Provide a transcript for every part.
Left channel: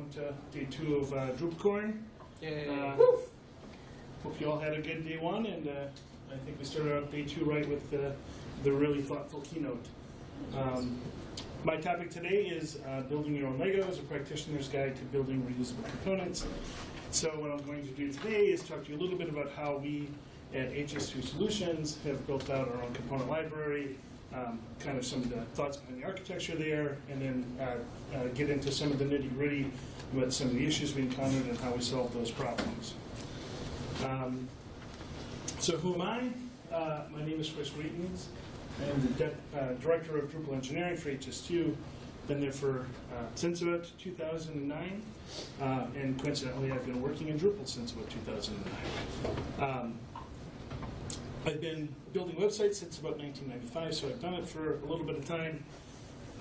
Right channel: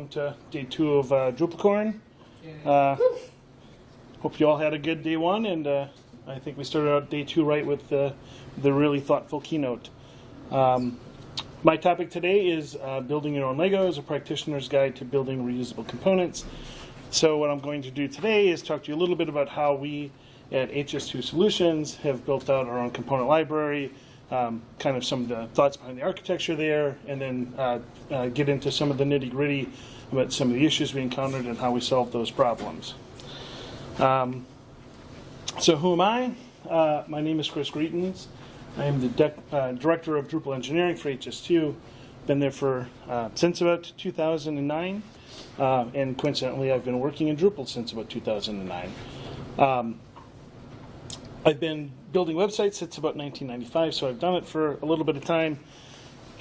welcome to day 2 of DrupalCorn. Hope you all had a good day 1, and I think we started out day 2 right with the really thoughtful keynote. My topic today is building your own Legos, a practitioner's guide to building reusable components. So what I'm going to do today is talk to you a little bit about how we at HS2 Solutions have built out our own component library, kind of some of the thoughts behind the architecture there, and then get into some of the nitty-gritty about some of the issues we encountered and how we solved those problems. So who am I? My name is Greatens. I am the Director of Drupal Engineering for HS2. Been there for since about 2009, and coincidentally I've been working in Drupal since about 2009. I've been building websites since about 1995, so I've done it for a little bit of time.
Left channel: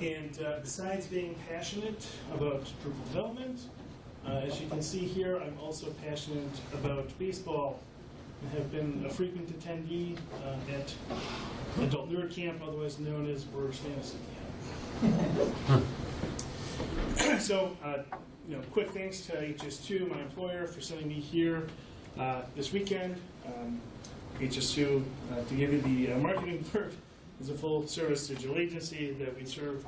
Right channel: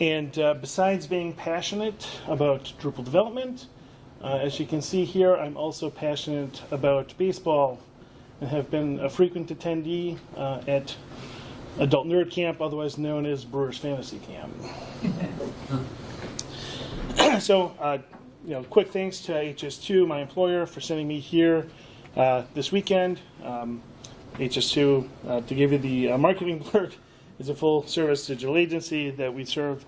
And besides being passionate about Drupal development, as you can see here, I'm also passionate about baseball and have been a frequent attendee at Adult Nerd Camp, otherwise known as Brewers Fantasy Camp. So, quick thanks to HS2, my employer, for sending me here this weekend. HS2, to give you the marketing blurb, is a full-service digital agency that we serve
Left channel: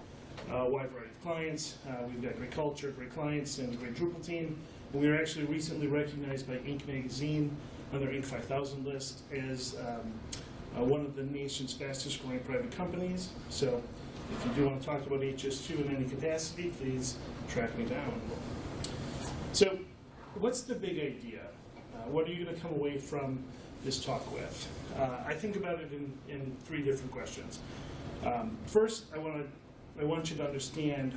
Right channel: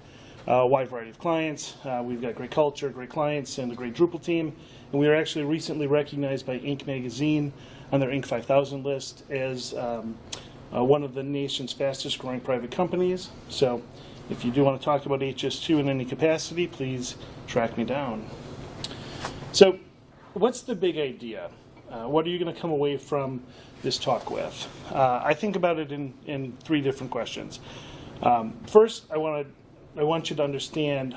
a wide variety of clients. We've got great culture, great clients, and a great Drupal team. And we were actually recently recognized by Inc. magazine on their Inc. 5000 list as one of the nation's fastest-growing private companies. So if you do want to talk about HS2 in any capacity, please track me down. So what's the big idea? What are you going to come away from this talk with? I think about it in 3 different questions. First, I want you to understand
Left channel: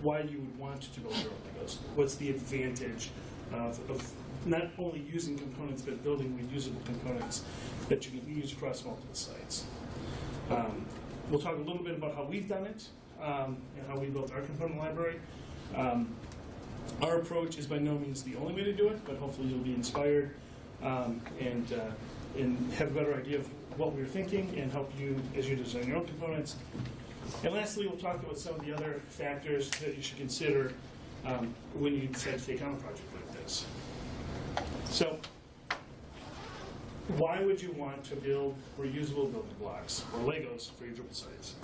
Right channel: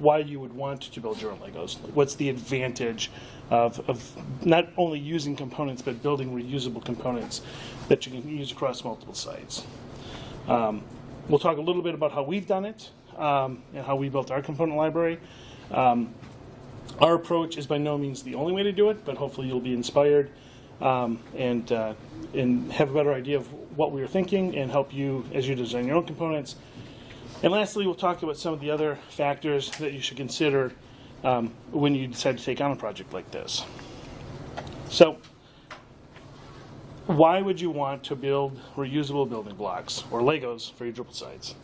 why you would want to build your own Legos. What's the advantage of not only using components, but building reusable components that you can use across multiple sites. We'll talk a little bit about how we've done it and how we built our component library. Our approach is by no means the only way to do it, but hopefully you'll be inspired and have a better idea of what we were thinking and help you as you design your own components. And lastly, we'll talk about some of the other factors that you should consider when you decide to take on a project like this. So, why would you want to build reusable building blocks, or Legos, for your Drupal sites?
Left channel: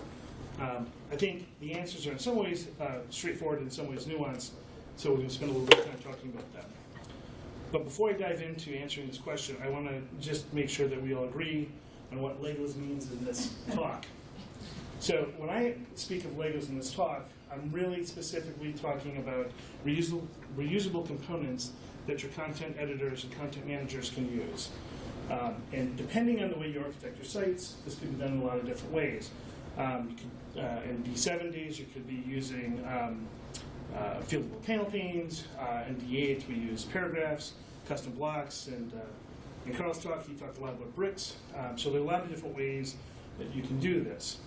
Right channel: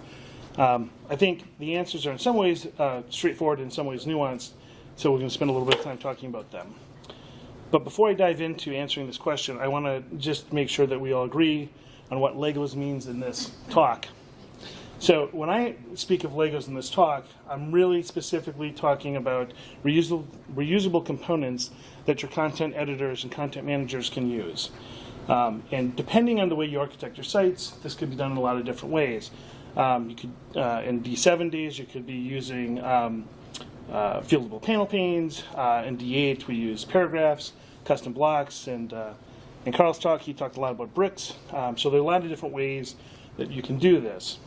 I think the answers are in some ways straightforward, in some ways nuanced, so we're going to spend a little bit of time talking about them. But before I dive into answering this question, I want to just make sure that we all agree on what Legos means in this talk. So when I speak of Legos in this talk, I'm really specifically talking about reusable components that your content editors and content managers can use. And depending on the way you architect your sites, this could be done in a lot of different ways. You could, in D70s, you could be using fieldable panel panes. In D8, we use paragraphs, custom blocks, and in Carl's talk, he talked a lot about bricks. So there are a lot of different ways that you can do this.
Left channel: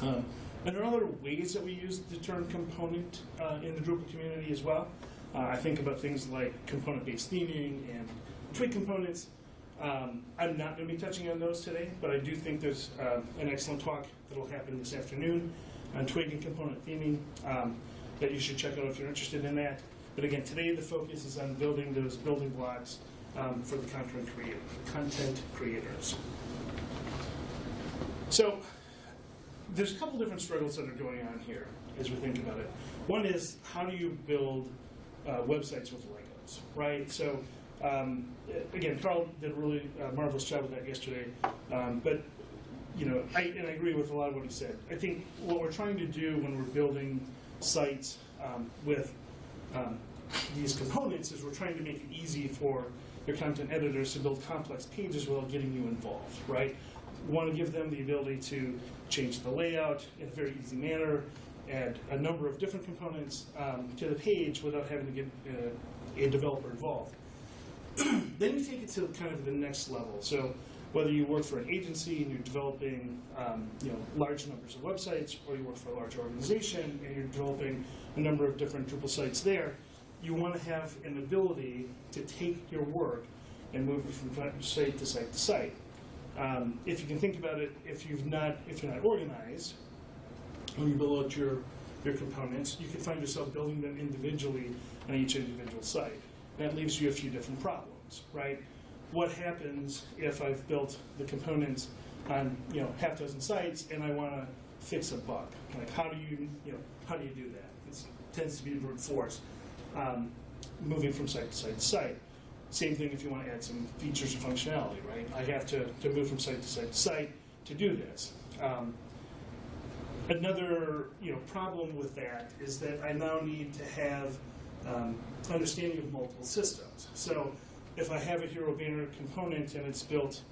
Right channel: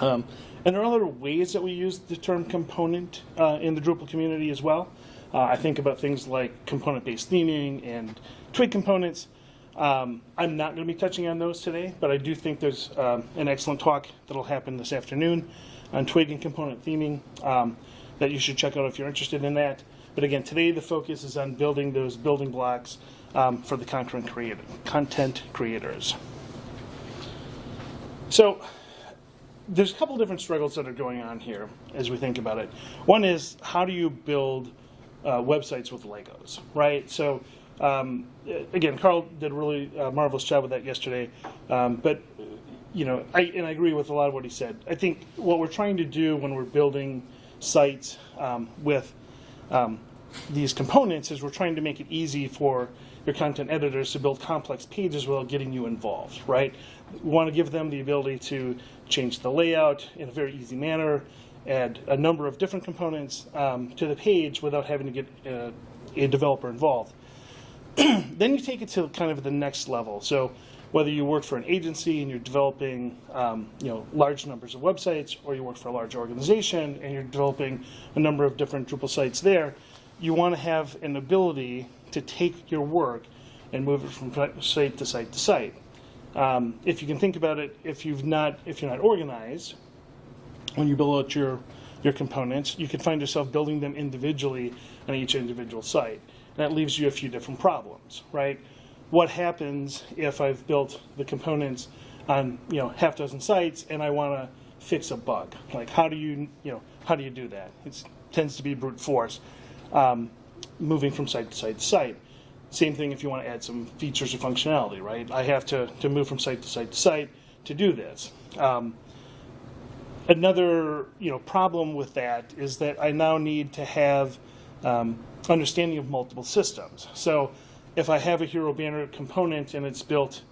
And there are other ways that we use the term component in the Drupal community as well. I think about things like component-based theming and twig components. I'm not going to be touching on those today, but I do think there's an excellent talk that will happen this afternoon on twig and component theming that you should check out if you're interested in that. But again, today the focus is on building those building blocks for the content creators. So there's a couple different struggles that are going on here as we think about it. One is, how do you build websites with Legos, right? So again, Carl did a really marvelous job with that yesterday. But I agree with a lot of what he said. I think what we're trying to do when we're building sites with these components is we're trying to make it easy for your content editors to build complex pages without getting you involved, right? We want to give them the ability to change the layout in a very easy manner, add a number of different components to the page without having to get a developer involved. Then you take it to kind of the next level. So whether you work for an agency and you're developing large numbers of websites, or you work for a large organization and you're developing a number of different Drupal sites there, you want to have an ability to take your work and move it from site to site to site. If you can think about it, if you're not organized, when you build out your your components, you could find yourself building them individually on each individual site. And that leaves you a few different problems, right? What happens if I've built the components on half dozen sites and I want to fix a bug? Like how do you do that? It tends to be brute force, moving from site to site to site. Same thing if you want to add some features or functionality, right? I have to move from site to site to site to do this. Another problem with that is that I now need to have understanding of multiple systems. So if I have a Hero Banner component and it's built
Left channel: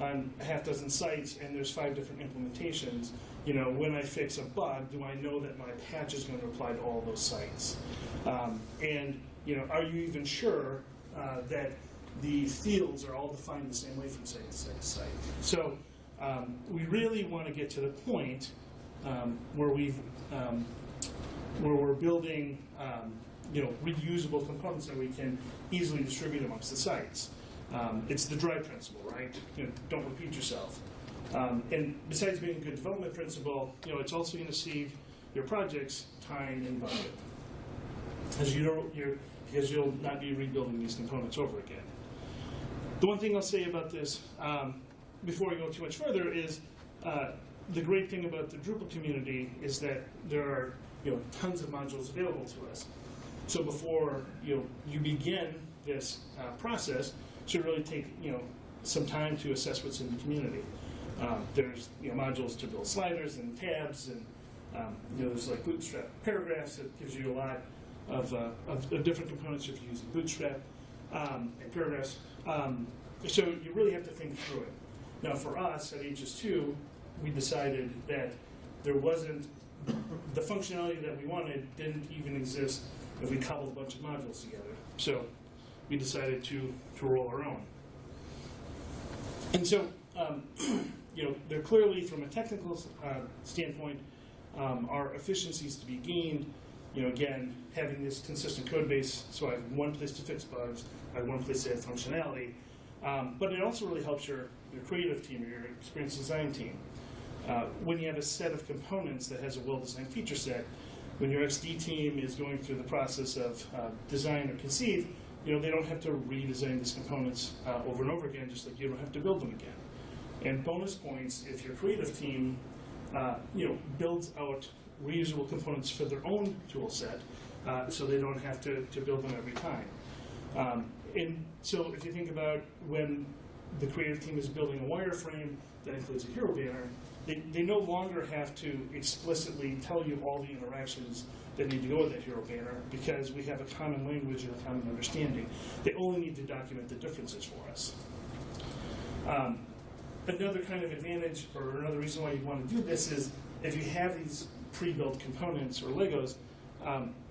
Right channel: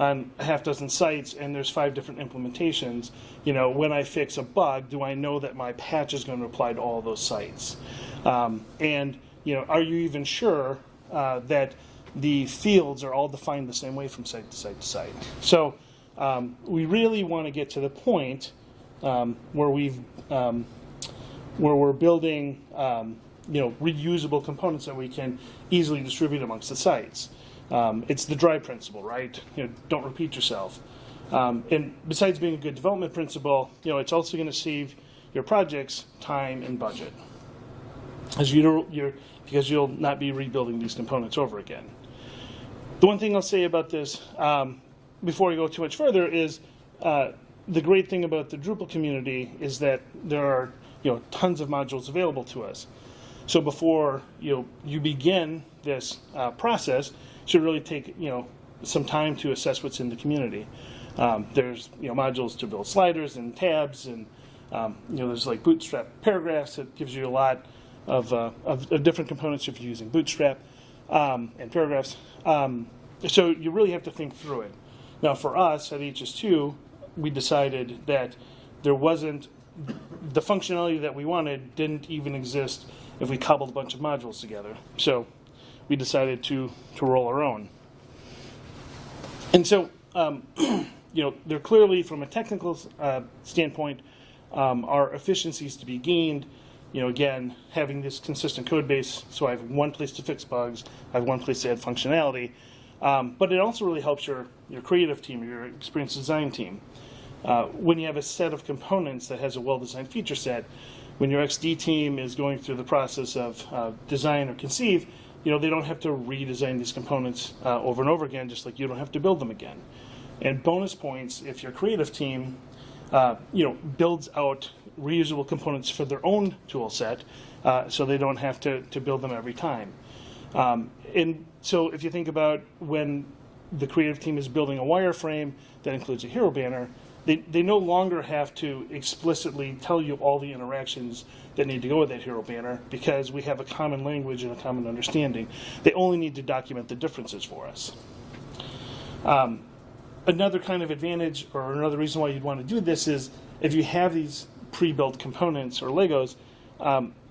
on a half dozen sites and there's 5 different implementations, when I fix a bug, do I know that my patch is going to apply to all those sites? And are you even sure that the fields are all defined the same way from site to site to site? So we really want to get to the point where we're building reusable components that we can easily distribute amongst the sites. It's the DRY principle, right? Don't repeat yourself. And besides being a good development principle, it's also going to save your projects time and budget, because you'll not be rebuilding these components over again. The one thing I'll say about this before I go too much further is the great thing about the Drupal community is that there are tons of modules available to us. So before you begin this process, you should really take some time to assess what's in the community. There's modules to build sliders and tabs, and there's like Bootstrap paragraphs that gives you a lot of different components if you're using Bootstrap and paragraphs. So you really have to think through it. Now for us at HS2, we decided that there wasn't the functionality that we wanted didn't even exist if we cobbled a bunch of modules together. So we decided to roll our own. And so there clearly, from a technical standpoint, are efficiencies to be gained. Again, having this consistent code base, so I have one place to fix bugs, I have one place to add functionality. But it also really helps your creative team, your experience design team. When you have a set of components that has a well-designed feature set, when your XD team is going through the process of design or conceive, they don't have to redesign these components over and over again, just like you don't have to build them again. And bonus points if your creative team builds out reusable components for their own tool set, so they don't have to build them every time. And so if you think about when the creative team is building a wireframe that includes a hero banner, they no longer have to explicitly tell you all the interactions that need to go with that hero banner, because we have a common language and a common understanding. They only need to document the differences for us. Another kind of advantage, or another reason why you'd want to do this, is if you have these pre-built components or Legos,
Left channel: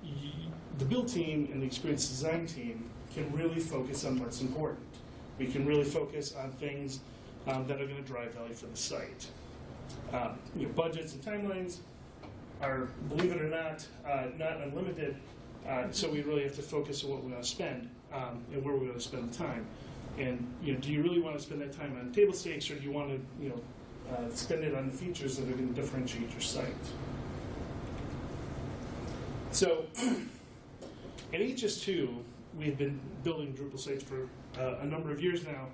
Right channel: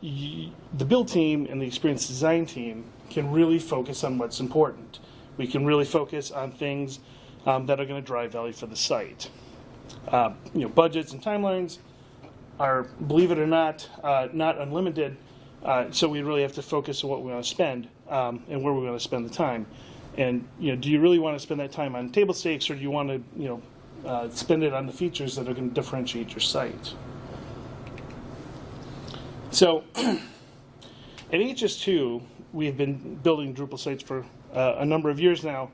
the build team and the experience design team can really focus on what's important. We can really focus on things that are going to drive value for the site. Budgets and timelines are, believe it or not unlimited, so we really have to focus on what we want to spend and where we want to spend the time. And do you really want to spend that time on table stakes, or do you want to spend it on the features that are going to differentiate your site? So at HS2, we've been building Drupal sites for a number of years now,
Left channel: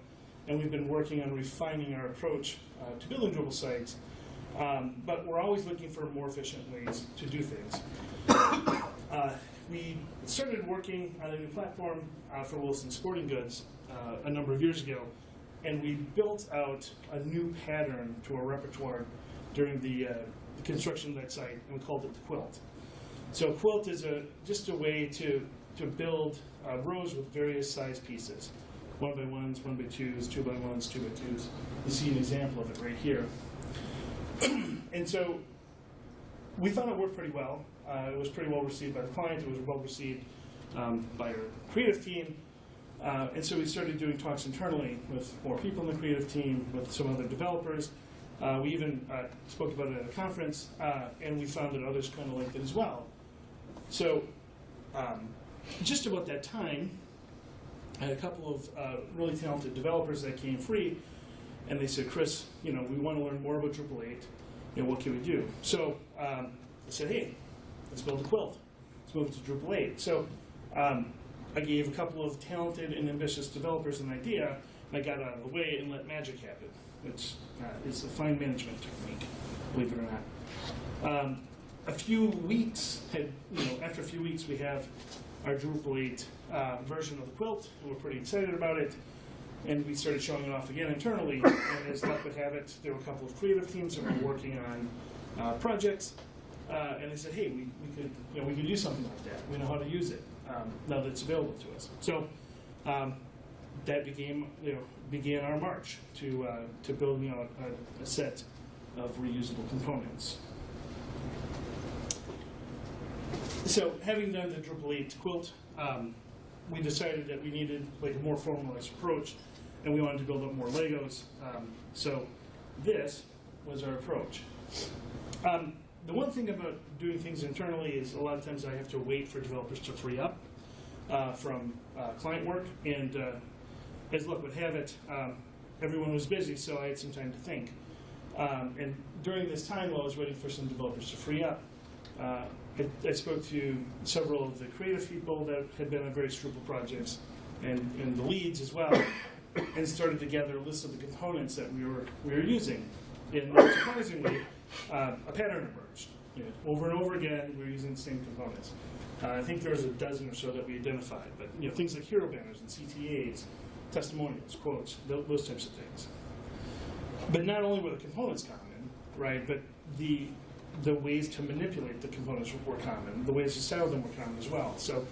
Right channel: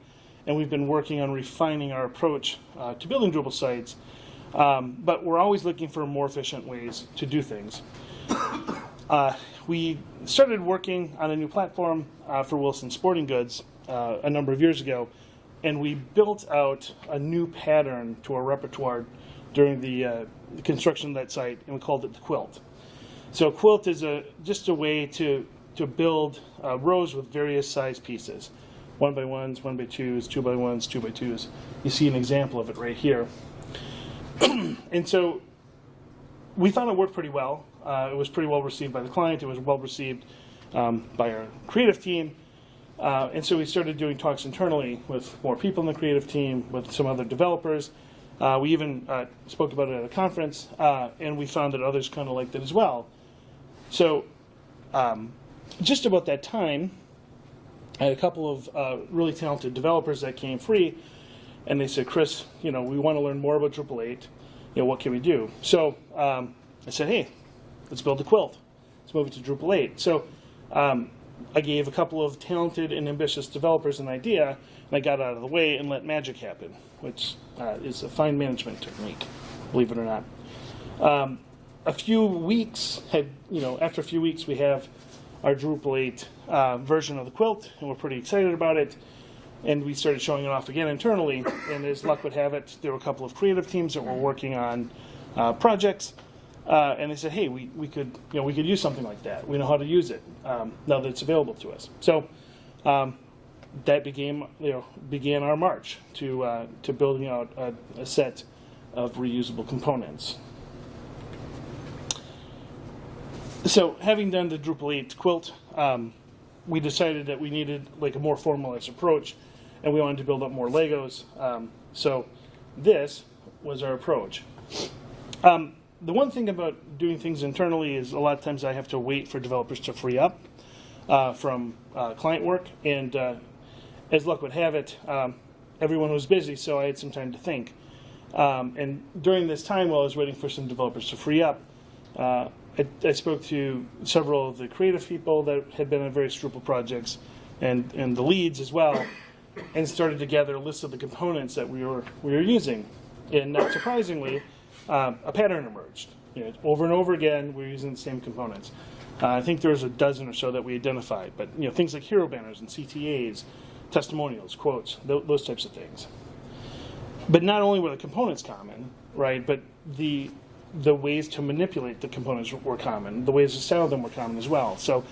and we've been working on refining our approach to building Drupal sites, but we're always looking for more efficient ways to do things. We started working on a new platform for Wilson Sporting Goods a number of years ago, and we built out a new pattern to our repertoire during the construction of that site, and we called it the quilt. So a quilt is just a way to build rows with various size pieces. 1x1s, 1x2s, 2x1s, 2x2s. You see an example of it right here. And so we thought it worked pretty well. It was pretty well received by the client. It was well received by our creative team. And so we started doing talks internally with more people in the creative team, with some other developers. We even spoke about it at a conference, and we found that others kind of liked it as well. So just about that time, I had a couple of really talented developers that came free, and they said, Chris, we want to learn more about Drupal 8. What can we do? So I said, hey, let's build a quilt. Let's move it to Drupal 8. So I gave a couple of talented and ambitious developers an idea, and I got out of the way and let magic happen, which is a fine management technique, believe it or not. A few weeks after a few weeks, we have our Drupal 8 version of the quilt, and we're pretty excited about it. And we started showing it off again internally, and as luck would have it, there were a couple of creative teams that were working on projects, and they said, "Hey, we could use something like that. We know how to use it now that it's available to us." So that began our march to building out a set of reusable components. So, having done the Drupal 8 quilt, we decided that we needed like a more formalized approach, and we wanted to build up more Legos. So this was our approach. The one thing about doing things internally is a lot of times I have to wait for developers to free up from client work, and as luck would have it, everyone was busy, so I had some time to think. And during this time, while I was waiting for some developers to free up, I spoke to several of the creative people that had been on various Drupal projects, and the leads as well, and started to gather a list of the components that we were using. And not surprisingly, a pattern emerged. Over and over again, we were using the same components. I think there was a dozen or so that we identified, but things like hero banners and CTAs, testimonials, quotes, those types of things. But not only were the components common, right, but the ways to manipulate the components were common. The ways to style them were common as well. So,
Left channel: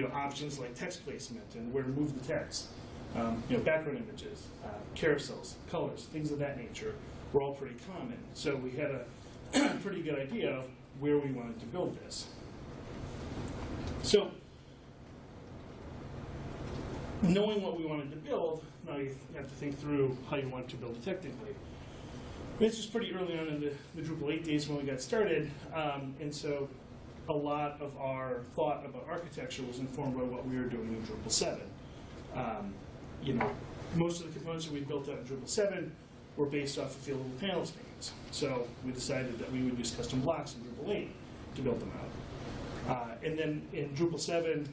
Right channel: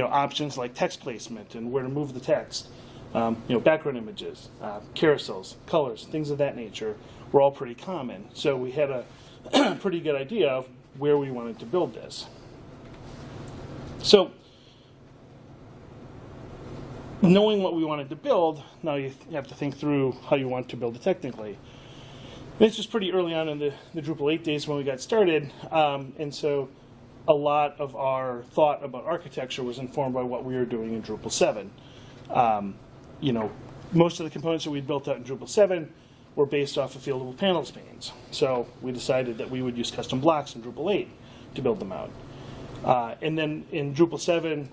options like text placement and where to move the text, background images, carousels, colors, things of that nature were all pretty common. So we had a pretty good idea of where we wanted to build this. So, knowing what we wanted to build, now you have to think through how you want to build it technically. This was pretty early on in the Drupal 8 days when we got started, and so a lot of our thought about architecture was informed by what we were doing in Drupal 7. Most of the components that we built out in Drupal 7 were based off of fieldable panels panes. So we decided that we would use custom blocks in Drupal 8 to build them out. And then in Drupal 7,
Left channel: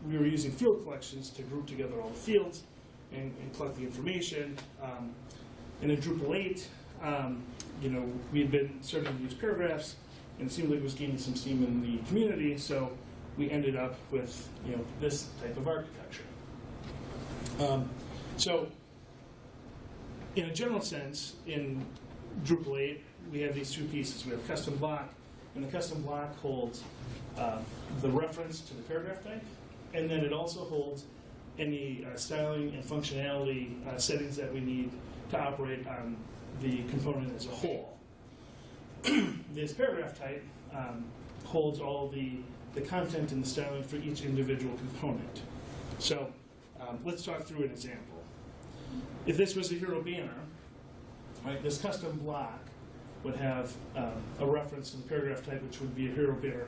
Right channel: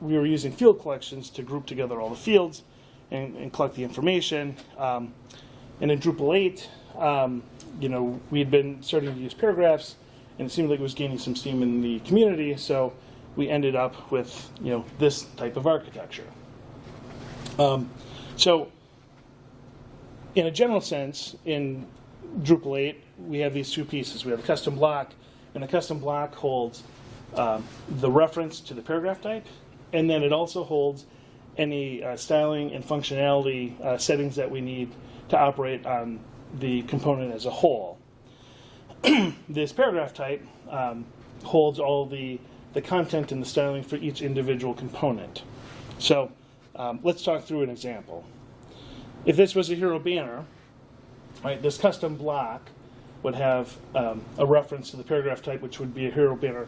we were using field collections to group together all the fields and collect the information. And in Drupal 8, we had been starting to use paragraphs, and it seemed like it was gaining some steam in the community, so we ended up with this type of architecture. So in a general sense, in Drupal 8, we have these two pieces. We have a custom block, and the custom block holds the reference to the paragraph type, and then it also holds any styling and functionality settings that we need to operate on the component as a whole. This paragraph type holds all the content and the styling for each individual component. So let's talk through an example. If this was a hero banner, right, this custom block would have a reference to the paragraph type, which would be a hero banner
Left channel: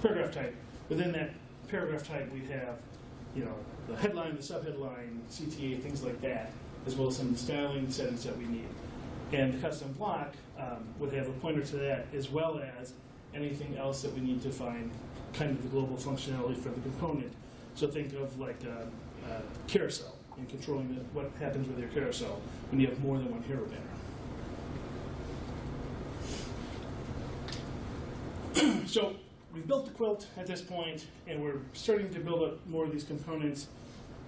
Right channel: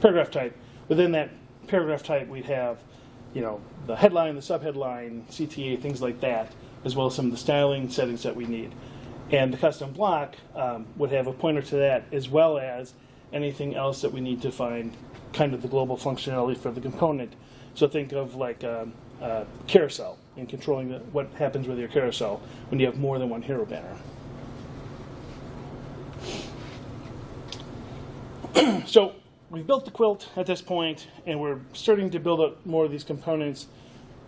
paragraph type. Within that paragraph type, we'd have the headline, the subheadline, CTA, things like that, as well as some of the styling settings that we need. And the custom block would have a pointer to that, as well as anything else that we need to find kind of the global functionality for the component. So think of like a carousel and controlling what happens with your carousel when you have more than one hero banner. So we've built the quilt at this point, and we're starting to build up more of these components.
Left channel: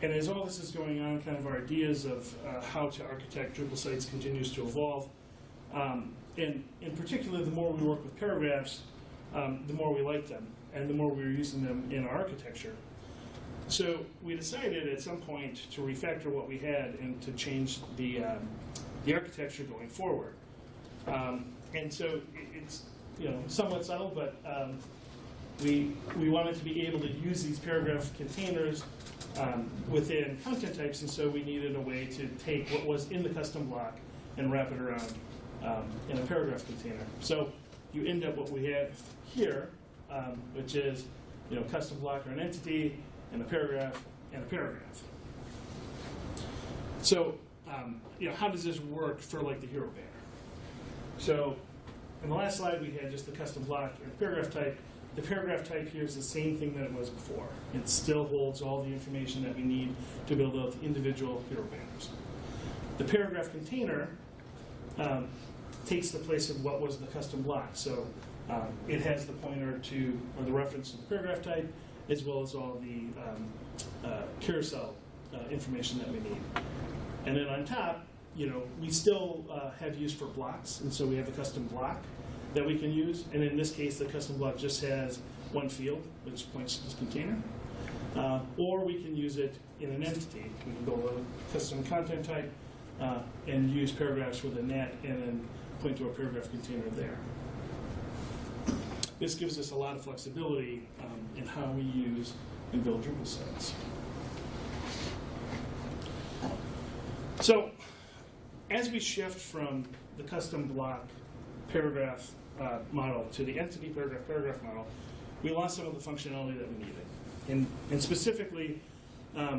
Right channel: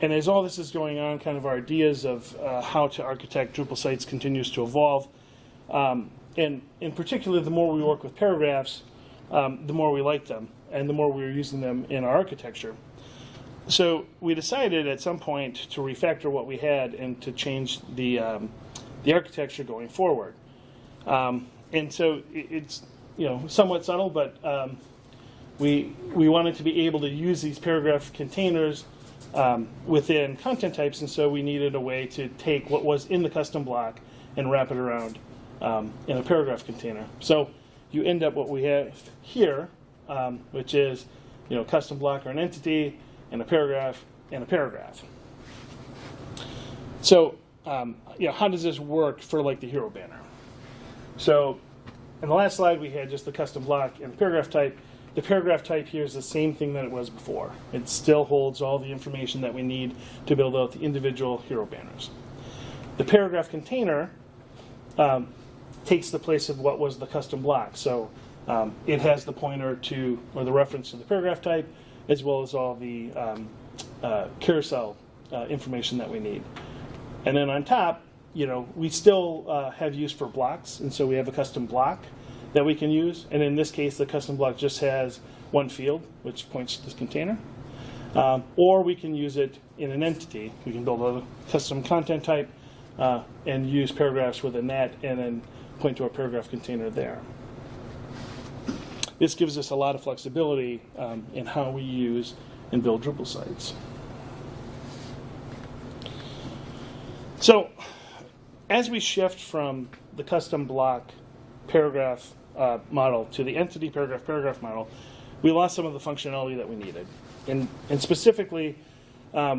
And as all this is going on, kind of our ideas of how to architect Drupal sites continues to evolve. And in particular, the more we work with paragraphs, the more we like them, and the more we're using them in our architecture. So we decided at some point to refactor what we had and to change the architecture going forward. And so it's somewhat subtle, but we wanted to be able to use these paragraph containers within content types, and so we needed a way to take what was in the custom block and wrap it around in a paragraph container. So you end up what we have here, which is custom block or an entity, and a paragraph, and a paragraph. So how does this work for like the hero banner? So in the last slide, we had just the custom block and the paragraph type. the paragraph type here is the same thing that it was before. It still holds all the information that we need to build out the individual hero banners. The paragraph container takes the place of what was the custom block. So it has the pointer to, or the reference to the paragraph type, as well as all the carousel information that we need. And then on top, we still have use for blocks, and so we have a custom block that we can use. And in this case, the custom block just has one field, which points to this container. Or we can use it in an entity. We can build a custom content type and use paragraphs within that, and then point to a paragraph container there. This gives us a lot of flexibility in how we use and build Drupal sites. So, as we shift from the custom block paragraph model to the entity paragraph model, we lost some of the functionality that we needed. And specifically,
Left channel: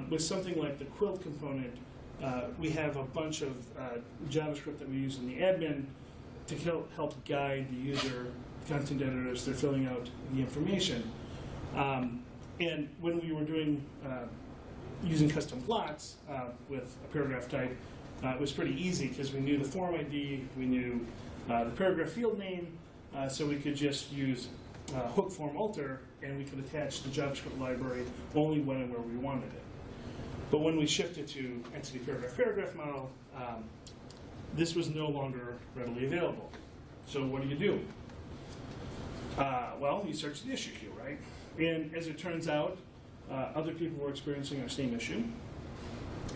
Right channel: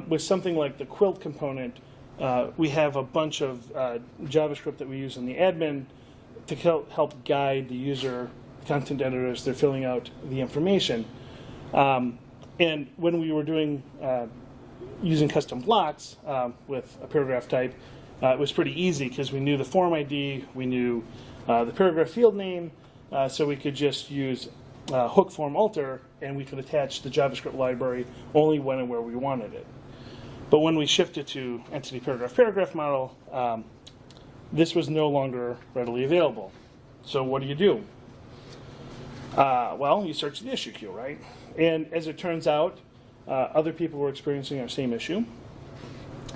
with something like the quilt component, we have a bunch of JavaScript that we use in the admin to help guide the user, content editors, they're filling out the information. And when we were doing using custom blocks with a paragraph type, it was pretty easy because we knew the form ID, we knew the paragraph field name, so we could just use hook form alter, and we could attach the JavaScript library only when and where we wanted it. But when we shifted to entity paragraph model, this was no longer readily available. So what do? Well, you search the issue queue, right? And as it turns out, other people were experiencing our same issue,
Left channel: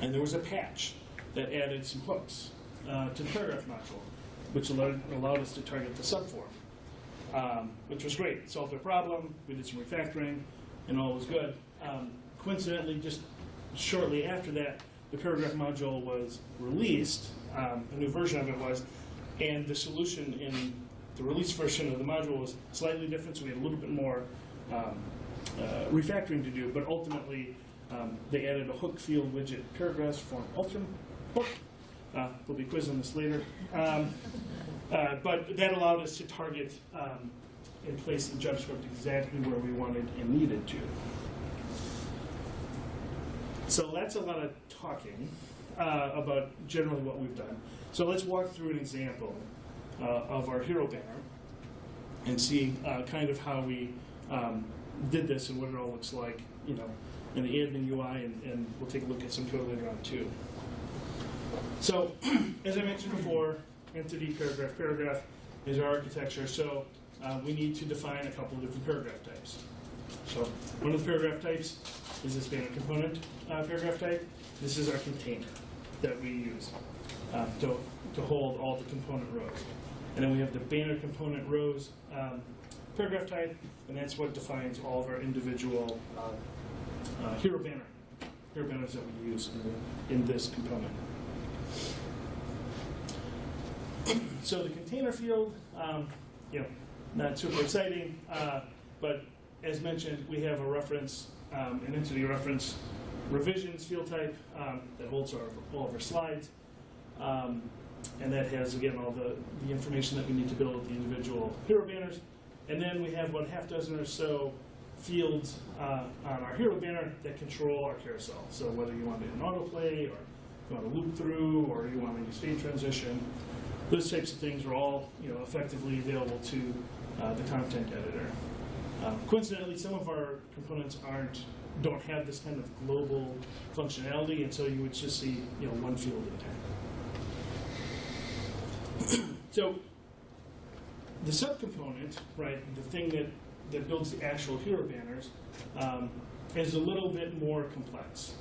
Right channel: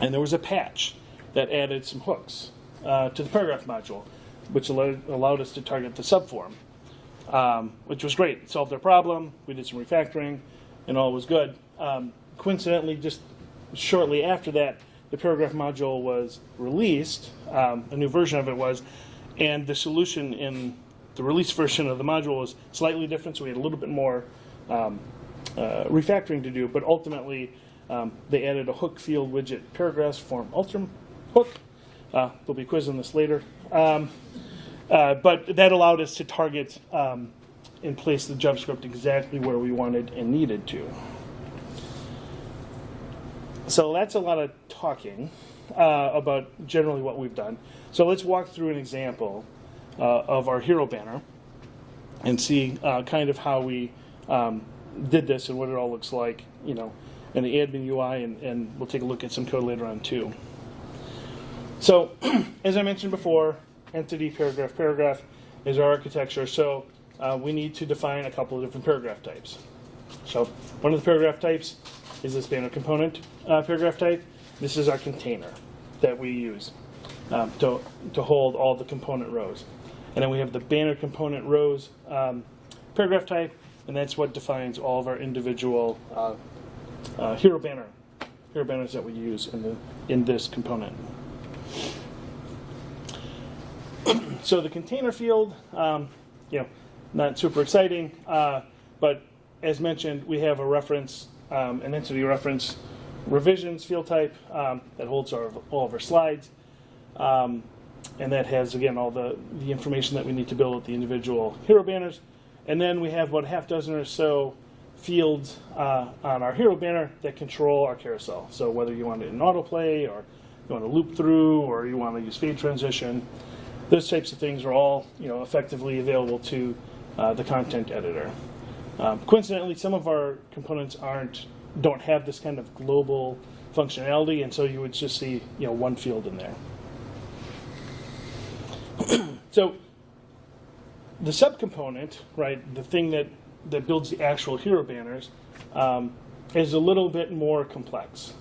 and there was a patch that added some hooks to the paragraph module, which allowed us to target the subform, which was great. It solved our problem. We did some refactoring, and all was good. Coincidentally, just shortly after that, the paragraph module was released, a new version of it was, and the solution in the release version of the module was slightly different, so we had a little bit more refactoring to do, but ultimately they added a hook field widget paragraphs form ultim hook. We'll be quizzing this later. But that allowed us to target and place the JavaScript exactly where we wanted and needed to. So that's a lot of talking about generally what we've done. So let's walk through an example of our hero banner and see kind of how we did this and what it all looks like, in the admin UI, and we'll take a look at some code later on too. So, as I mentioned before, entity paragraph is our architecture. So we need to define a couple of different paragraph types. So one of the paragraph types is this banner component paragraph type. This is our container that we use to hold all the component rows. And then we have the banner component rows paragraph type, and that's what defines all of our individual hero banners that we use in this component. So the container field, not super exciting, but as mentioned, we have a reference, an entity reference revisions field type that holds all of our slides, and that has, again, all the information that we need to build with the individual hero banners. And then we have about a half dozen or so fields on our hero banner that control our carousel. So whether you want it in autoplay, or you want to loop through, or you want to use fade transition, those types of things are all effectively available to the content editor. Coincidentally, some of our components don't have this kind of global functionality, and so you would just see one field in there. So the subcomponent, right, the thing that builds the actual hero banners, is a little bit more complex,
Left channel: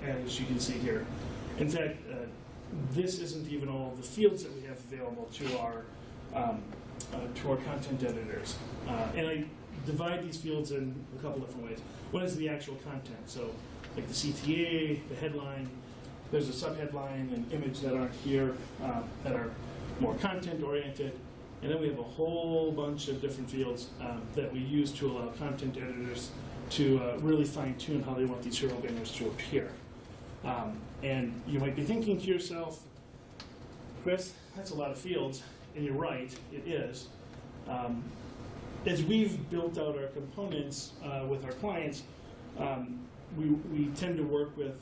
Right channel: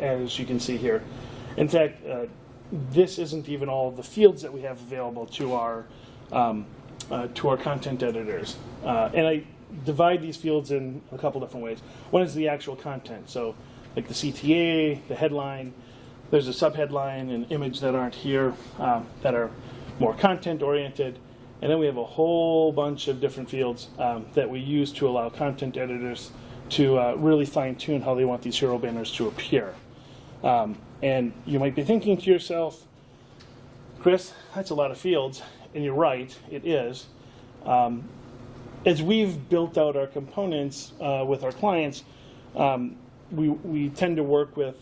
as you can see here. In fact, this isn't even all of the fields that we have available to our content editors. And I divide these fields in a couple different ways. One is the actual content, so like the CTA, the headline. There's a subheadline and image that aren't here that are more content-oriented. And then we have a whole bunch of different fields that we use to allow content editors to really fine-tune how they want these hero banners to appear. And you might be thinking to yourself, Chris, that's a lot of fields. And you're right, it is. as we've built out our components with our clients, we tend to work with,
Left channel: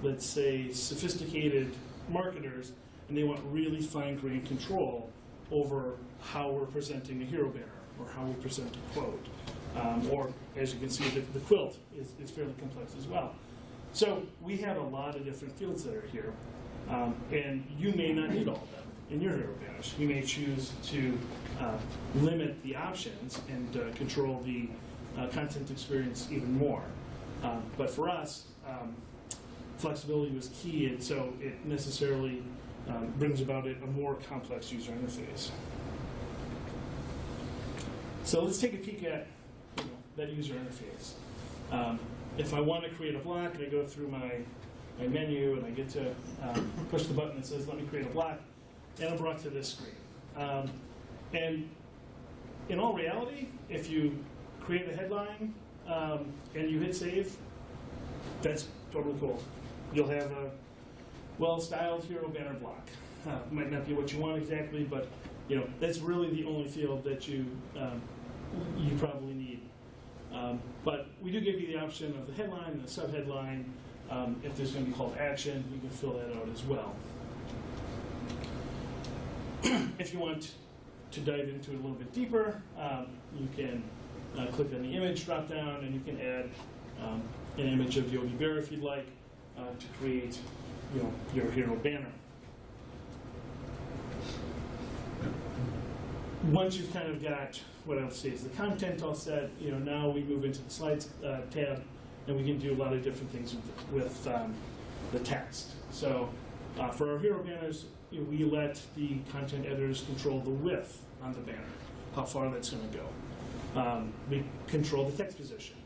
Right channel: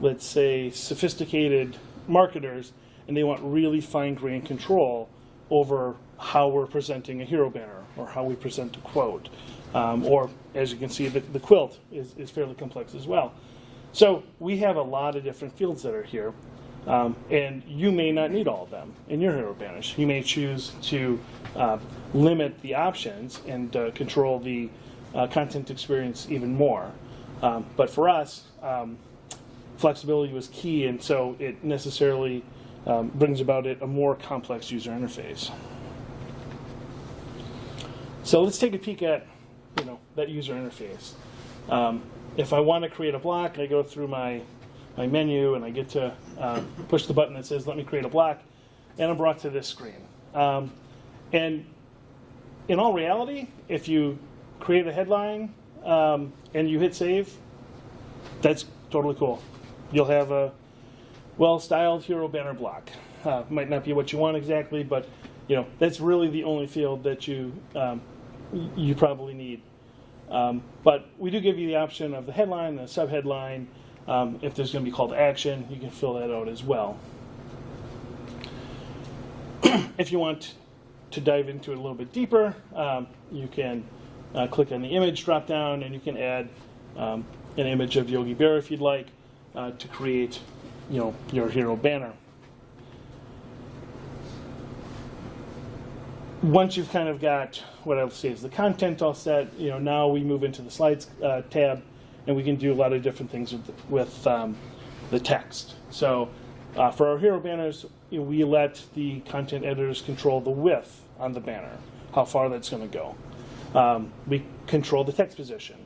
let's say, sophisticated marketers, and they want really fine-grained control over how we're presenting a hero banner or how we present a quote. Or, as you can see, the quilt is fairly complex as well. So we have a lot of different fields that are here, and you may not need all of them in your hero banners. You may choose to limit the options and control the content experience even more. But for us, flexibility was key, and so it necessarily brings about a more complex user interface. So let's take a peek at that user interface. If I want to create a block, I go through my menu and I get to push the button that says let me create a block, and I'm brought to this screen. And in all reality, if you create a headline and you hit save, that's totally cool. You'll have a well-styled hero banner block. Might not be what you want exactly, but that's really the only field that you probably need. But we do give you the option of the headline, the subheadline. If there's going to be call to action, you can fill that out as well. If you want to dive into it a little bit deeper, you can click on the image drop-down, and you can add an image of Yogi Bear if you'd like to create your hero banner. Once you've kind of got what I would say is the content all set, now we move into the slides tab, and we can do a lot of different things with the text. So for our hero banners, we let the content editors control the width on the banner, how far that's going to go. We control the text position.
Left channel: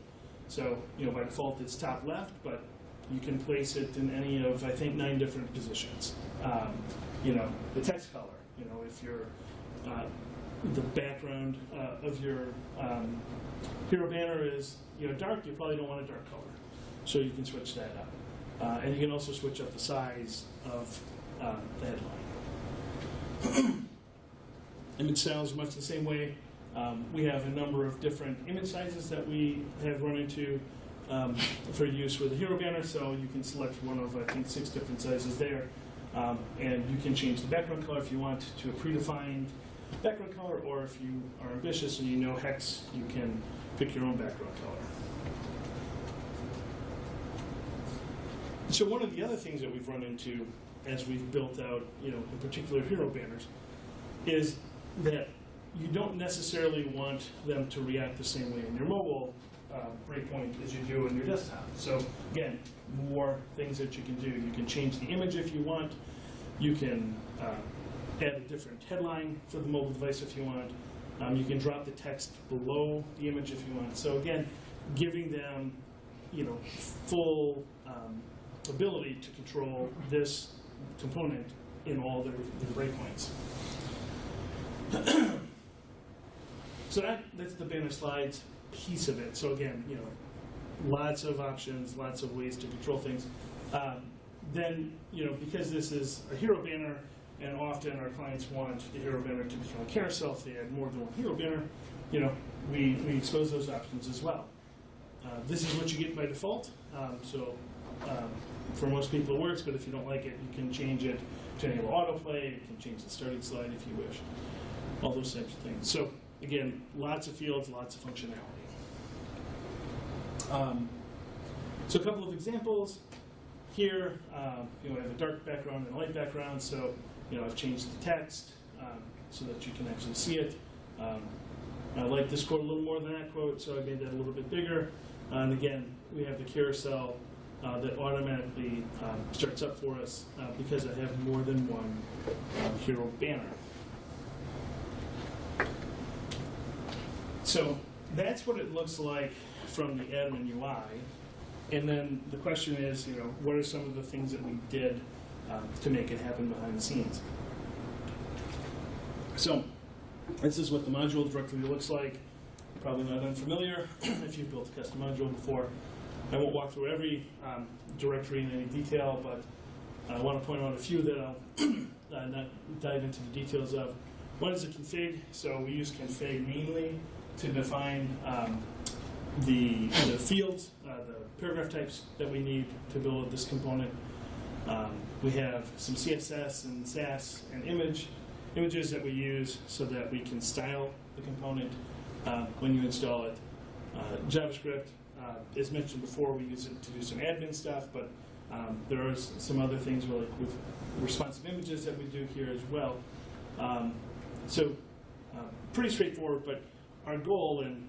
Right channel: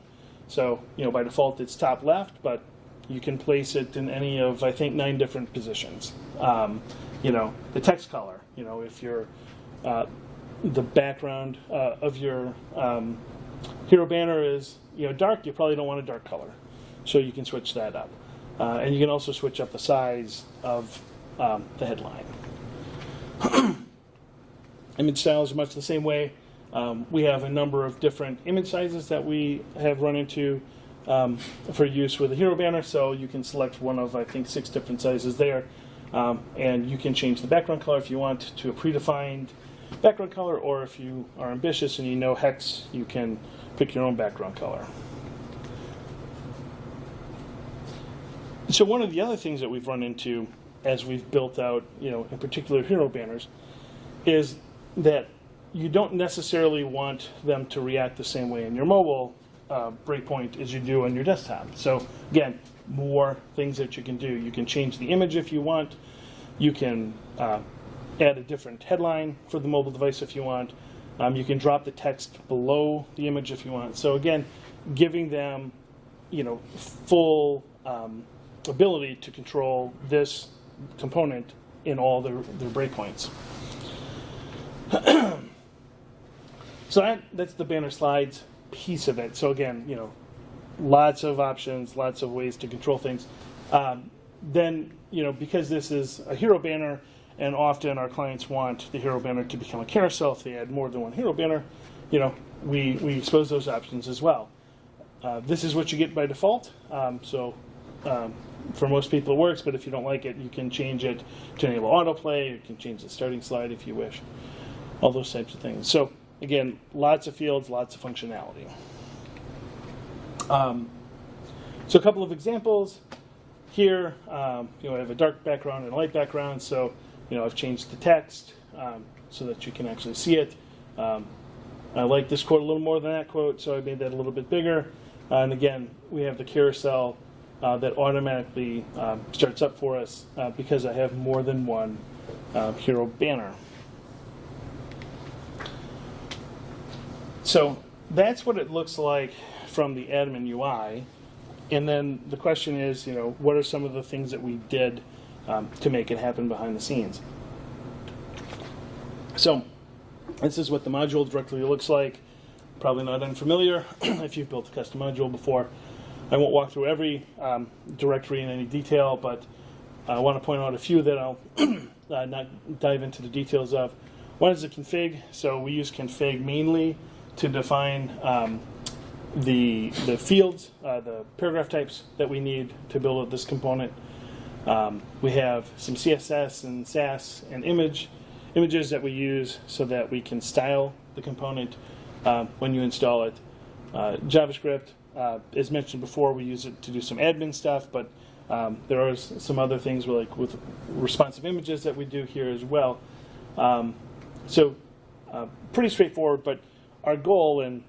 So by default it's top left, but you can place it in any of, I think, 9 different positions. The text color, if you're the background of your hero banner is dark, you probably don't want a dark color. So you can switch that up. And you can also switch up the size of the headline. Image style is much the same way. We have a number of different image sizes that we have run into for use with a hero banner. So you can select one of, I think, 6 different sizes there. And you can change the background color if you want to a predefined background color, or if you are ambitious and hex, you can pick your own background color. So one of the other things that we've run into as we've built out, in particular hero banners, is that you don't necessarily want them to react the same way in your mobile breakpoint as you do on your desktop. So again, more things that you can do. You can change the image if you want. You can add a different headline for the mobile device if you want. You can drop the text below the image if you want. So again, giving them, full ability to control this component in all their breakpoints. So that's the banner slides piece of it. So again, lots of options, lots of ways to control things. Then, because this is a hero banner, and often our clients want the hero banner to become a carousel if they add more than one hero banner, we expose those options as well. This is what you get by default. For most people it works, but if you don't like it, you can change it to enable autoplay. You can change the starting slide if you wish. All those types of things. So again, lots of fields, lots of functionality. So a couple of examples. Here, I have a dark background and a light background, so I've changed the text so that you can actually see it. I like this quote a little more than that quote, so I made that a little bit bigger. And again, we have the carousel that automatically starts up for us because I have more than one hero banner. So that's what it looks like from the admin UI. And then the question is, what are some of the things that we did to make it happen behind the scenes? So this is what the module directly looks like. Probably not unfamiliar if you've built a custom module before. I won't walk through every directory in any detail, but I want to point out a few that I'll not dive into the details of. One is the config. So we use config mainly to define the fields, the paragraph types that we need to build this component. We have some CSS and Sass and images that we use so that we can style the component when you install it. JavaScript, as mentioned before, we use it to do some admin stuff, but there are some other things with responsive images that we do here as well. Pretty straightforward, but our goal and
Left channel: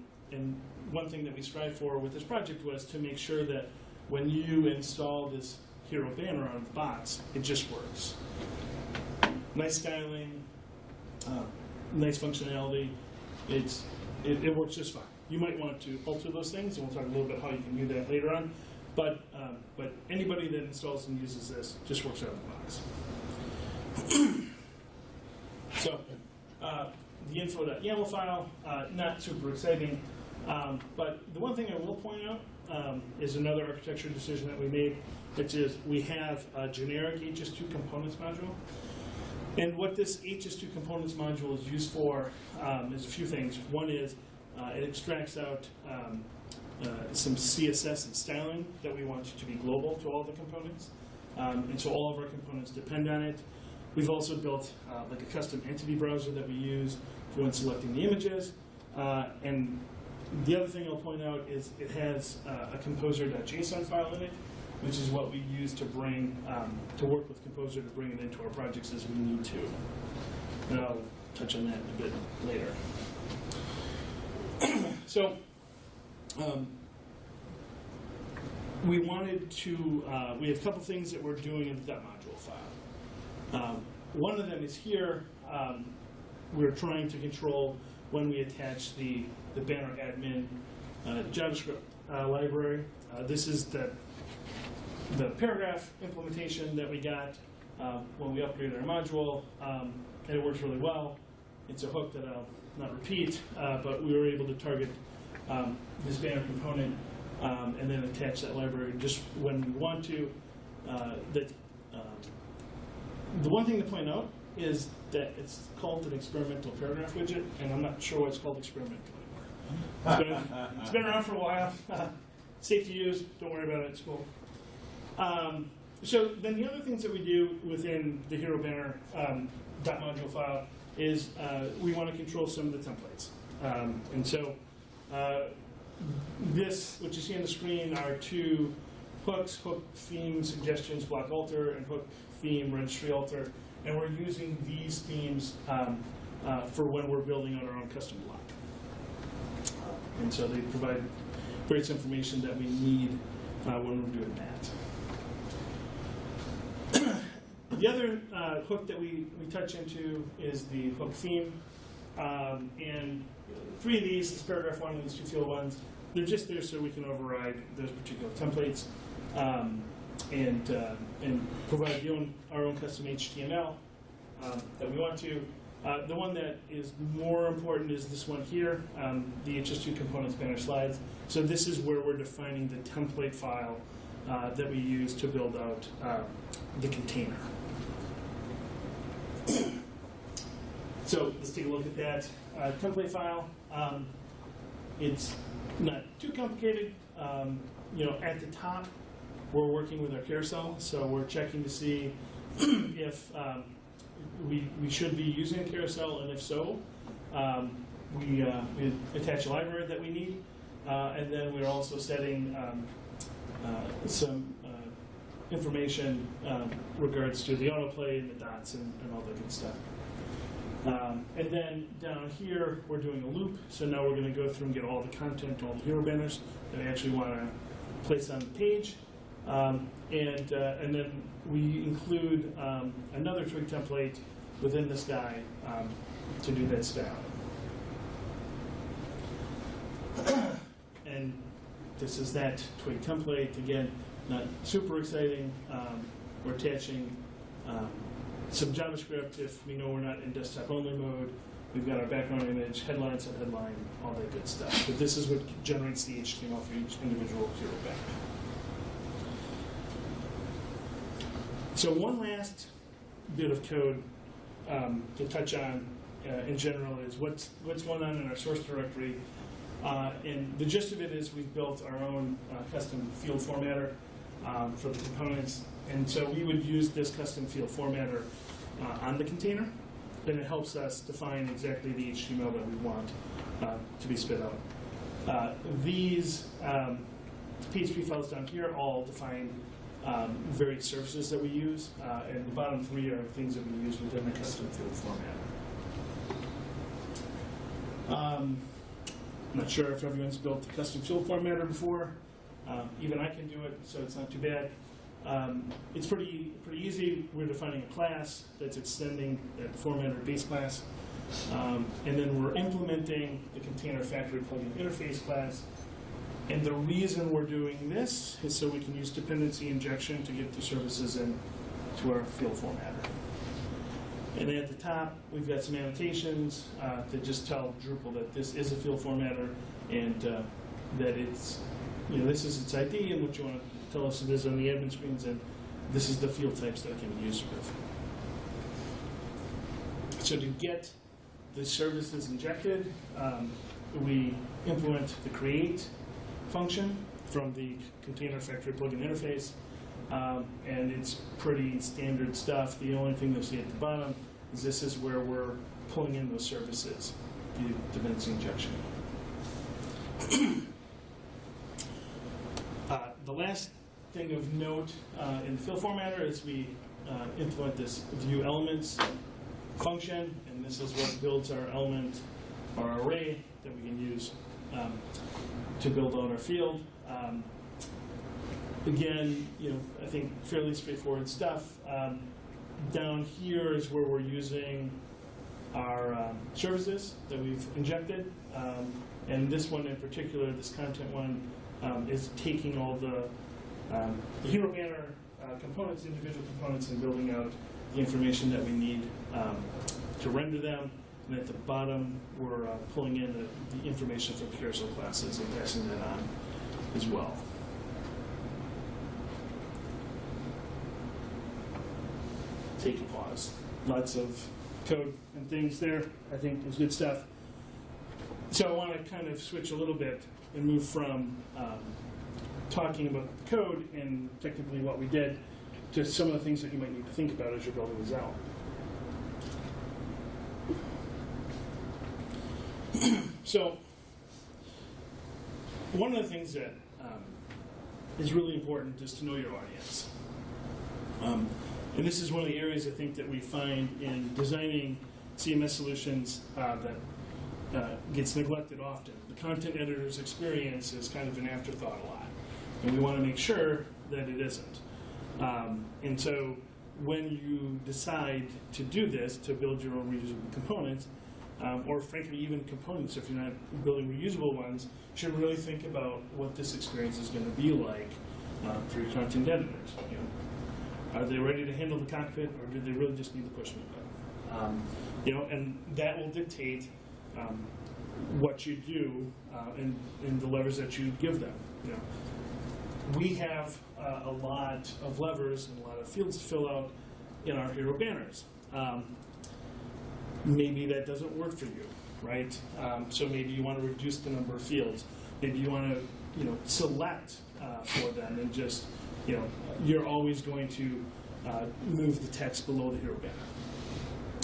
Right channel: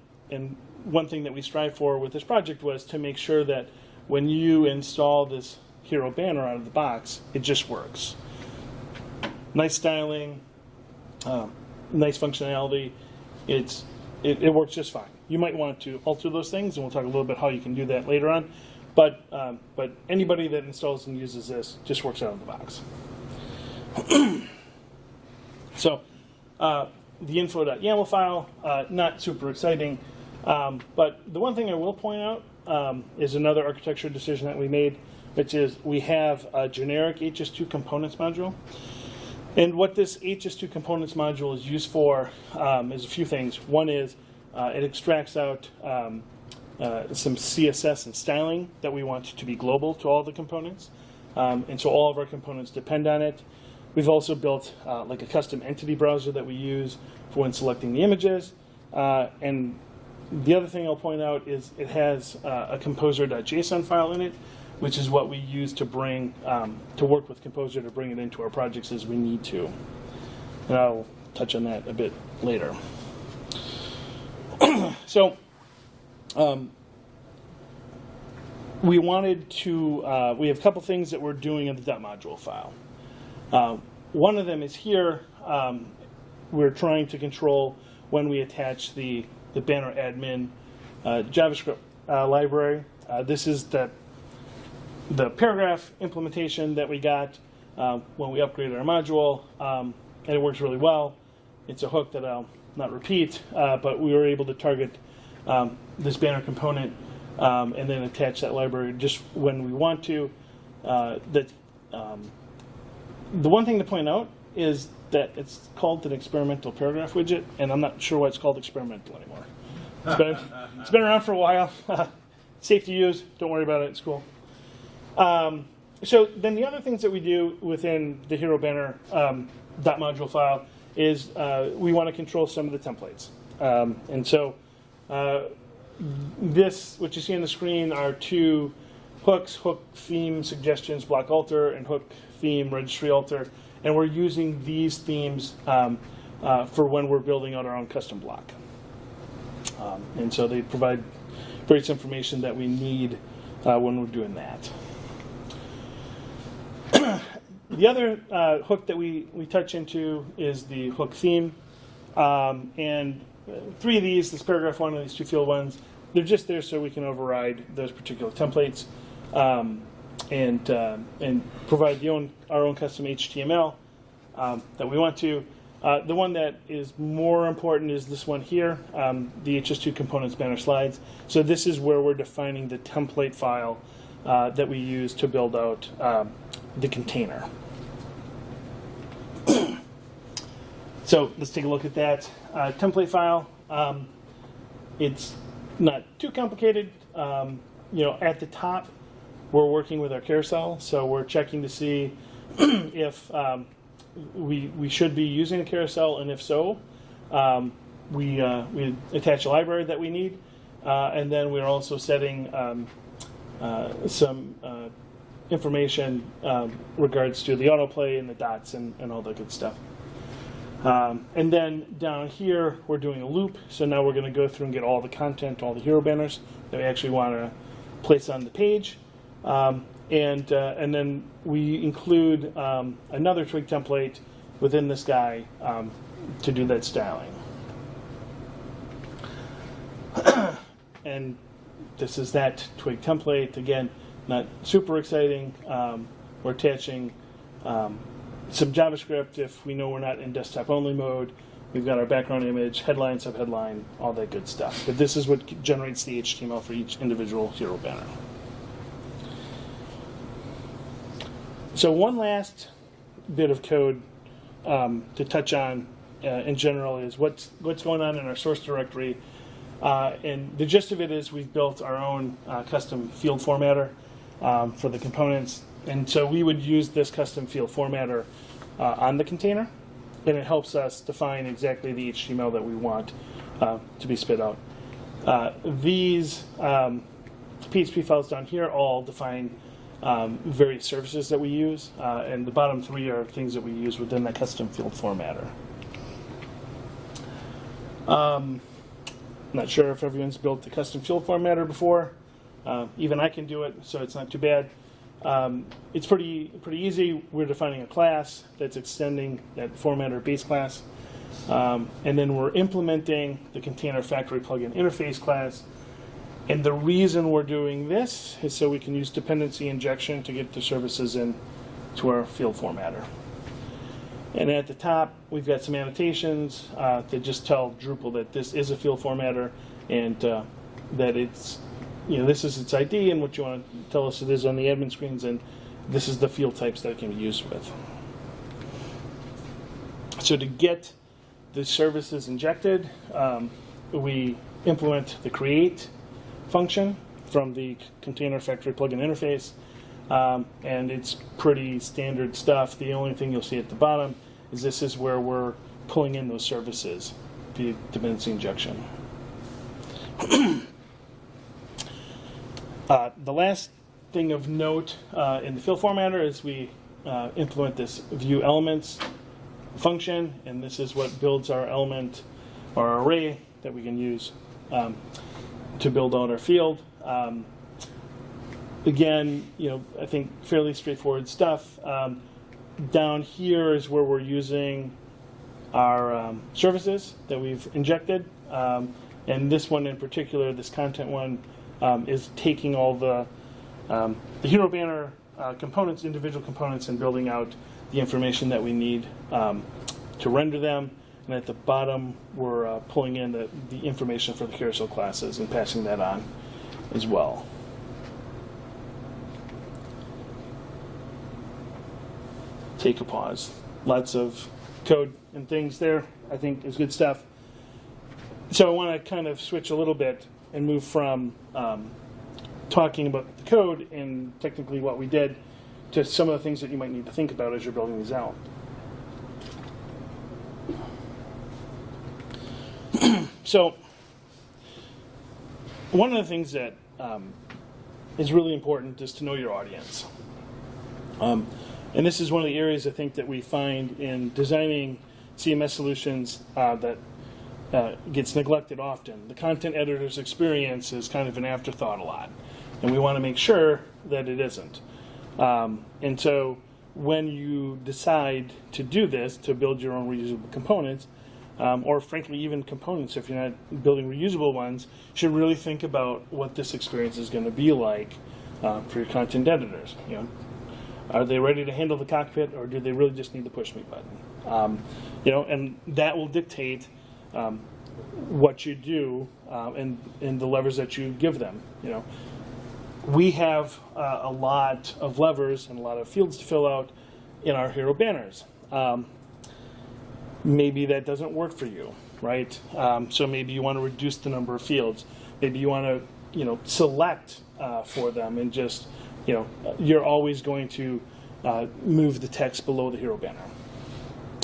one thing that we strive for with this project was to make sure that when you install this hero banner out of the box, it just works. Nice styling, nice functionality. It works just fine. You might want to alter those things, and we'll talk a little bit how you can do that later on. But anybody that installs and uses this just works out of the box. So the info.yaml file, not super exciting. But the one thing I will point out is another architecture decision that we made, which is we have a generic HS2 components module. And what this HS2 components module is used for is a few things. One is it extracts out some CSS and styling that we want to be global to all the components. And so all of our components depend on it. We've also built like a custom entity browser that we use for when selecting the images. And the other thing I'll point out is it has a composer.json file in it, which is what we use to bring, to work with Composer to bring it into our projects as we need to. And I'll touch on that a bit later. So we wanted to, we have a couple things that we're doing in the .module file. One of them is here. We're trying to control when we attach the banner admin JavaScript library. This is the paragraph implementation that we got when we upgraded our module, and it works really well. It's a hook that I'll not repeat, but we were able to target this banner component and then attach that library just when we want to. The one thing to point out is that it's called an experimental paragraph widget, and I'm not sure why it's called experimental anymore. It's been around for a while. Safe to use. Don't worry about it. It's cool. So then the other things that we do within the hero banner .module file is we want to control some of the templates. And so this, what you see on the screen, are two hooks: hook theme suggestions block alter and hook theme registry alter. And we're using these themes for when we're building out our own custom block. And so they provide various information that we need when we're doing that. The other hook that we touch into is the hook theme. And three of these, this paragraph one and these two field ones, they're just there so we can override those particular templates and provide our own custom HTML that we want to. The one that is more important is this one here, the HS2 components banner slides. So this is where we're defining the template file that we use to build out the container. So let's take a look at that template file. It's not too complicated. At the top, we're working with our carousel, so we're checking to see if we should be using a carousel, and if so, we attach a library that we need, and then we're also setting some information regards to the autoplay and the dots and all that good stuff. And then down here, we're doing a loop, so now we're going to go through and get all the content, all the hero banners that we actually want to place on the page. And then we include another twig template within this guy to do that styling. And this is that twig template. Again, not super exciting. We're attaching some JavaScript if we know we're not in desktop-only mode. We've got our background image, headline, subheadline, all that good stuff. But this is what generates the HTML for each individual hero banner. So one last bit of code to touch on in general is what's going on in our source directory. And the gist of it is we've built our own custom field formatter for the components. And so we would use this custom field formatter on the container, and it helps us define exactly the HTML that we want to be spit out. These PHP files down here all define various services that we use, and the bottom three are things that we use within the custom field formatter. Not sure if everyone's built the custom field formatter before. Even I can do it, so it's not too bad. It's pretty easy. We're defining a class that's extending that formatter base class. And then we're implementing the container factory plugin interface class. And the reason we're doing this is so we can use dependency injection to get the services in to our field formatter. And at the top, we've got some annotations that just tell Drupal that this is a field formatter and that it's, this is its ID and what you want to tell us it is on the admin screens, and this is the field types that it can be used with. So to get the services injected, we implement the create function from the container factory plugin interface, and it's pretty standard stuff. The only thing you'll see at the bottom is this is where we're pulling in those services via dependency injection. The last thing of note in the field formatter is we implement this view elements function, and this is what builds our element or our array that we can use to build out our field. Again, I think fairly straightforward stuff. Down here is where we're using our services that we've injected, and this one in particular, this content one, is taking all the hero banner components, individual components, and building out the information that we need to render them. And at the bottom, we're pulling in the information from carousel classes and passing that on as well. Take a pause. Lots of code and things there. I think is good stuff. So I want to kind of switch a little bit and move from talking about the code and technically what we did to some of the things that you might need to think about as you're building these out. So one of the things that is really important is to know your audience. And this is one of the areas I think that we find in designing CMS solutions that gets neglected often. The content editor's experience is kind of an afterthought a lot, and we want to make sure that it isn't. And so when you decide to do this, to build your own reusable components, or frankly even components if you're not building reusable ones, you should really think about what this experience is going to be like for your content editors. Are they ready to handle the cockpit, or do they really just need the push me button? And that will dictate what you do and the levers that you give them. We have a lot of levers and a lot of fields to fill out in our hero banners. Maybe that doesn't work for you, right? So maybe you want to reduce the number of fields. Maybe you want to, select for them and just, you're always going to move the text below the hero banner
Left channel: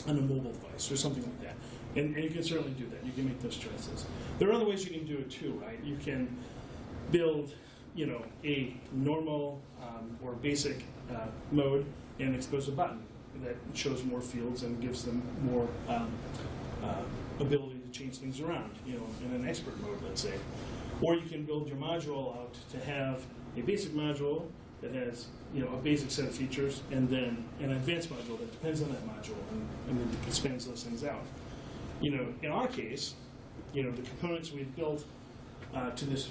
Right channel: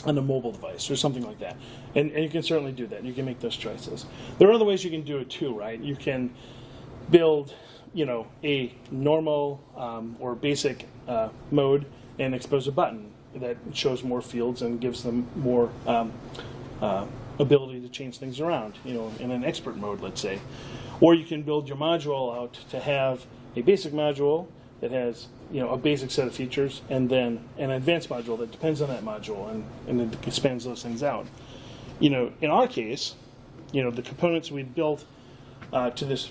on a mobile device or something like that. And you can certainly do that. You can make those choices. There are other ways you can do it too, right? You can build, a normal or basic mode and expose a button that shows more fields and gives them more ability to change things around, in an expert mode, let's say. Or you can build your module out to have a basic module that has, a basic set of features, and then an advanced module that depends on that module and it expands those things out. In our case, the components we built to this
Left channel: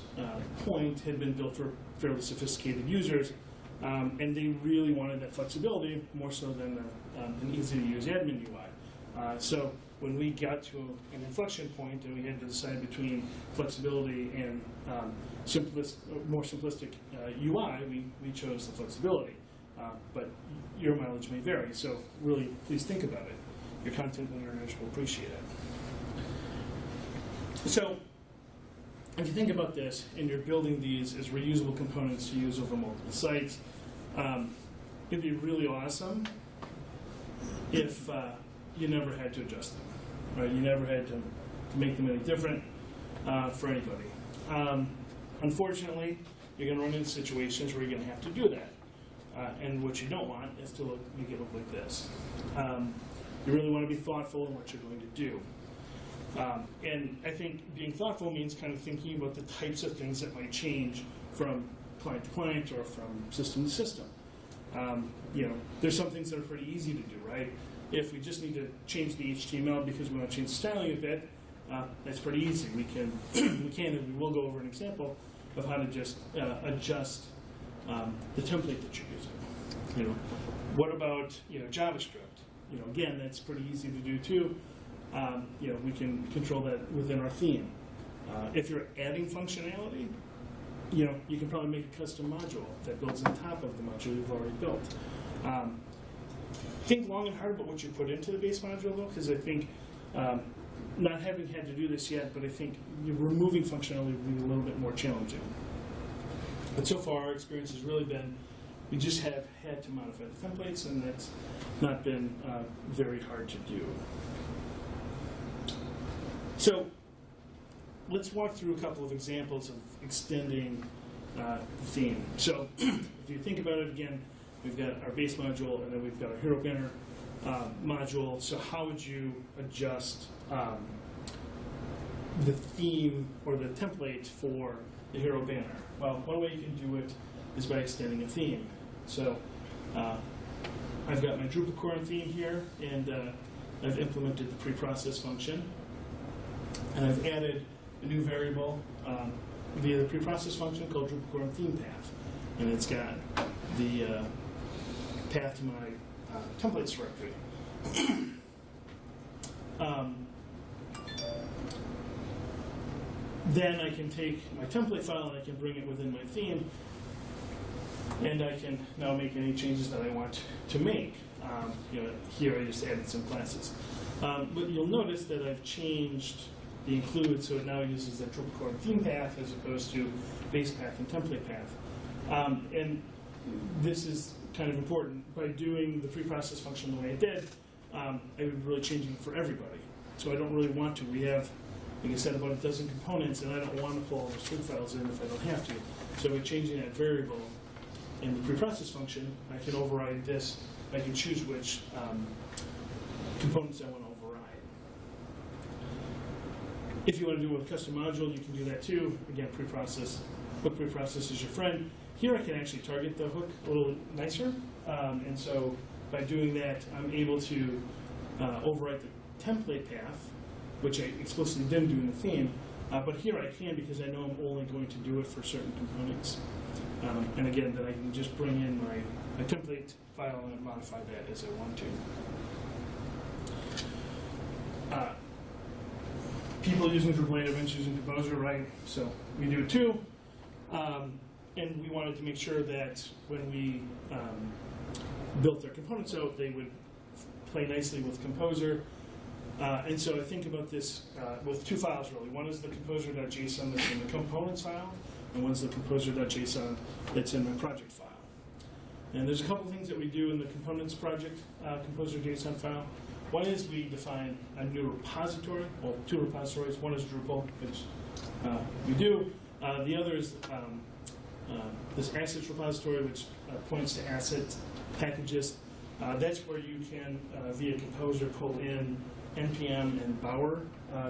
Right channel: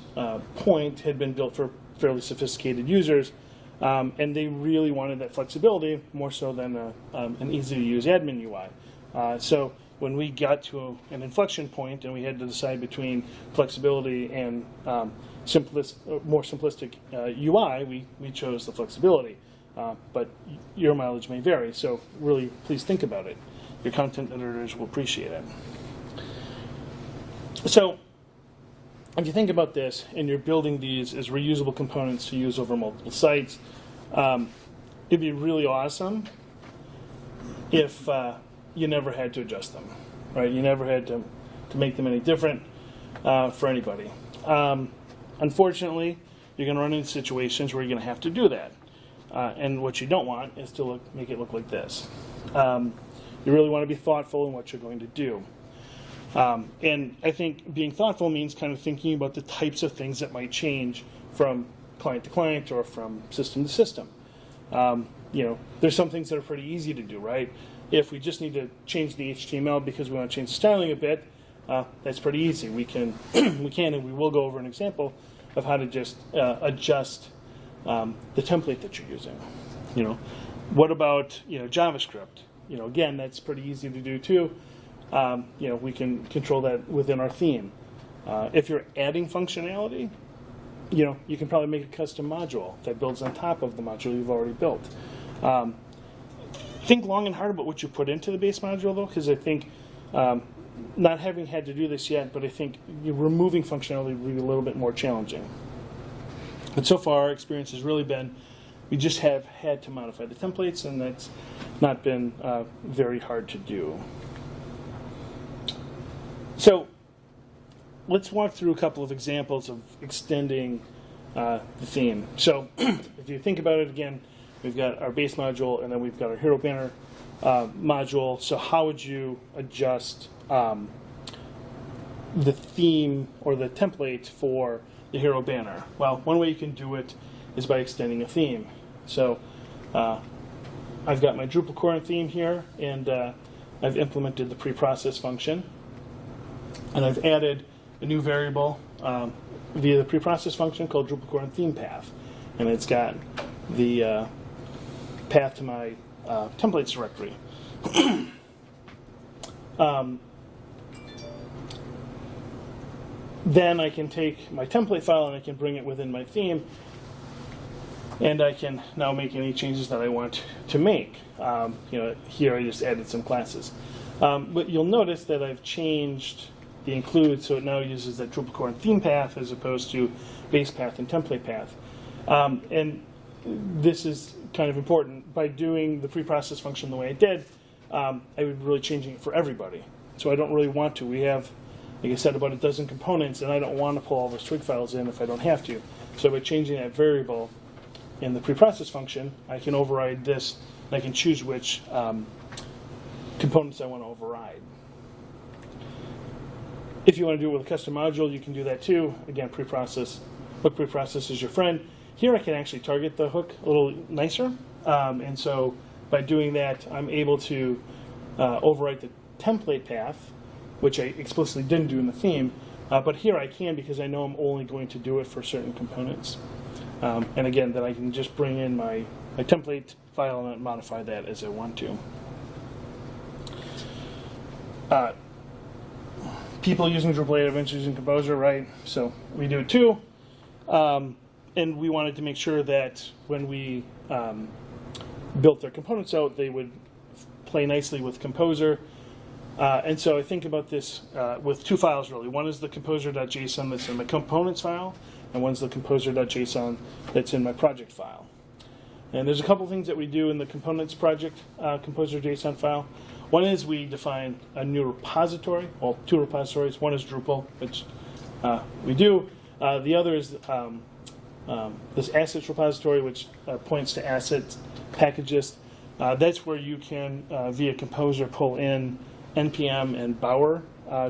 point had been built for fairly sophisticated users, and they really wanted that flexibility more so than an easy-to-use admin UI. So when we got to an inflection point and we had to decide between flexibility and more simplistic UI, we chose the flexibility. But your mileage may vary, so really please think about it. your content editors will appreciate it. So if you think about this and you're building these as reusable components to use over multiple sites, it'd be really awesome if you never had to adjust them, right? You never had to make them any different for anybody. Unfortunately, you're going to run into situations where you're going to have to do that. And what you don't want is to make it look like this. You really want to be thoughtful in what you're going to do. And I think being thoughtful means kind of thinking about the types of things that might change from client to client or from system to system. There's some things that are pretty easy to do, right? If we just need to change the HTML because we want to change the styling a bit, that's pretty easy. We can and we will go over an example of how to just adjust the template that you're using. What about JavaScript? Again, that's pretty easy to do too. We can control that within our theme. If you're adding functionality, you can probably make a custom module that builds on top of the module you've already built. Think long and hard about what you put into the base module, though, because I think, not having had to do this yet, but I think removing functionality would be a little bit more challenging. But so far, our experience has really been, we just have had to modify the templates, and that's not been very hard to do. So let's walk through a couple of examples of extending the theme. So if you think about it again, we've got our base module, and then we've got our hero banner module. So how would you adjust the theme or the template for the hero banner? Well, one way you can do it is by extending a theme. So I've got my DrupalCorn theme here, and I've implemented the preprocess function. And I've added a new variable via the preprocess function called DrupalCorn theme path. And it's got the path to my templates directory. Then I can take my template file and I can bring it within my theme, and I can now make any changes that I want to make. Here I just added some classes. But you'll notice that I've changed the include, so it now uses the DrupalCorn theme path as opposed to base path and template path. And this is kind of important. By doing the preprocess function the way I did, I would be really changing it for everybody. So I don't really want to. We have, like I said, about a dozen components, and I don't want to pull all those twig files in if I don't have to. So by changing that variable in the preprocess function, I can override this. I can choose which components I want to override. If you want to do it with a custom module, you can do that too. Again, preprocess, hook preprocess is your friend. Here I can actually target the hook a little nicer. And so by doing that, I'm able to overwrite the template path, which I explicitly didn't do in the theme. But here I can, because I know I'm only going to do it for certain components. And again, then I can just bring in my template file and modify that as I want to. People using Drupal 8 events using Composer, right? So we do it too. And we wanted to make sure that when we built their components out, they would play nicely with Composer. And so I think about this with two files, really. One is the composer.json that's in the components file, and one's the composer.json that's in my project file. And there's a couple things that we do in the components project composer.json file. One is we define a new repository, well, two repositories. One is Drupal, which we do. The other is this assets repository, which points to asset packages. That's where you can, via Composer, pull in NPM and Bower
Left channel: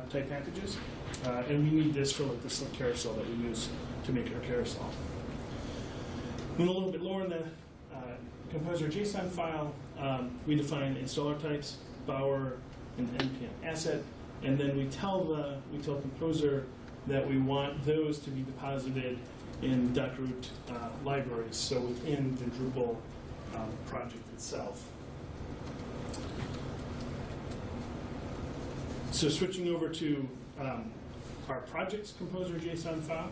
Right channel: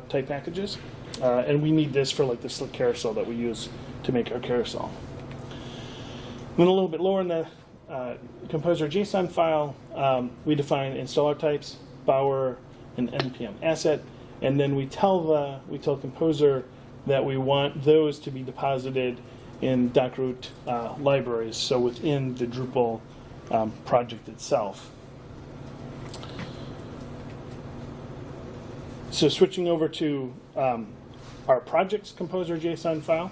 type packages. And we need this for like the slick carousel that we use to make our carousel. Then a little bit lower in the Composer.json file, we define installer types, Bower, and NPM asset, and then we tell Composer that we want those to be deposited in Dockroot libraries, so within the Drupal project itself. So switching over to our project's Composer.json file,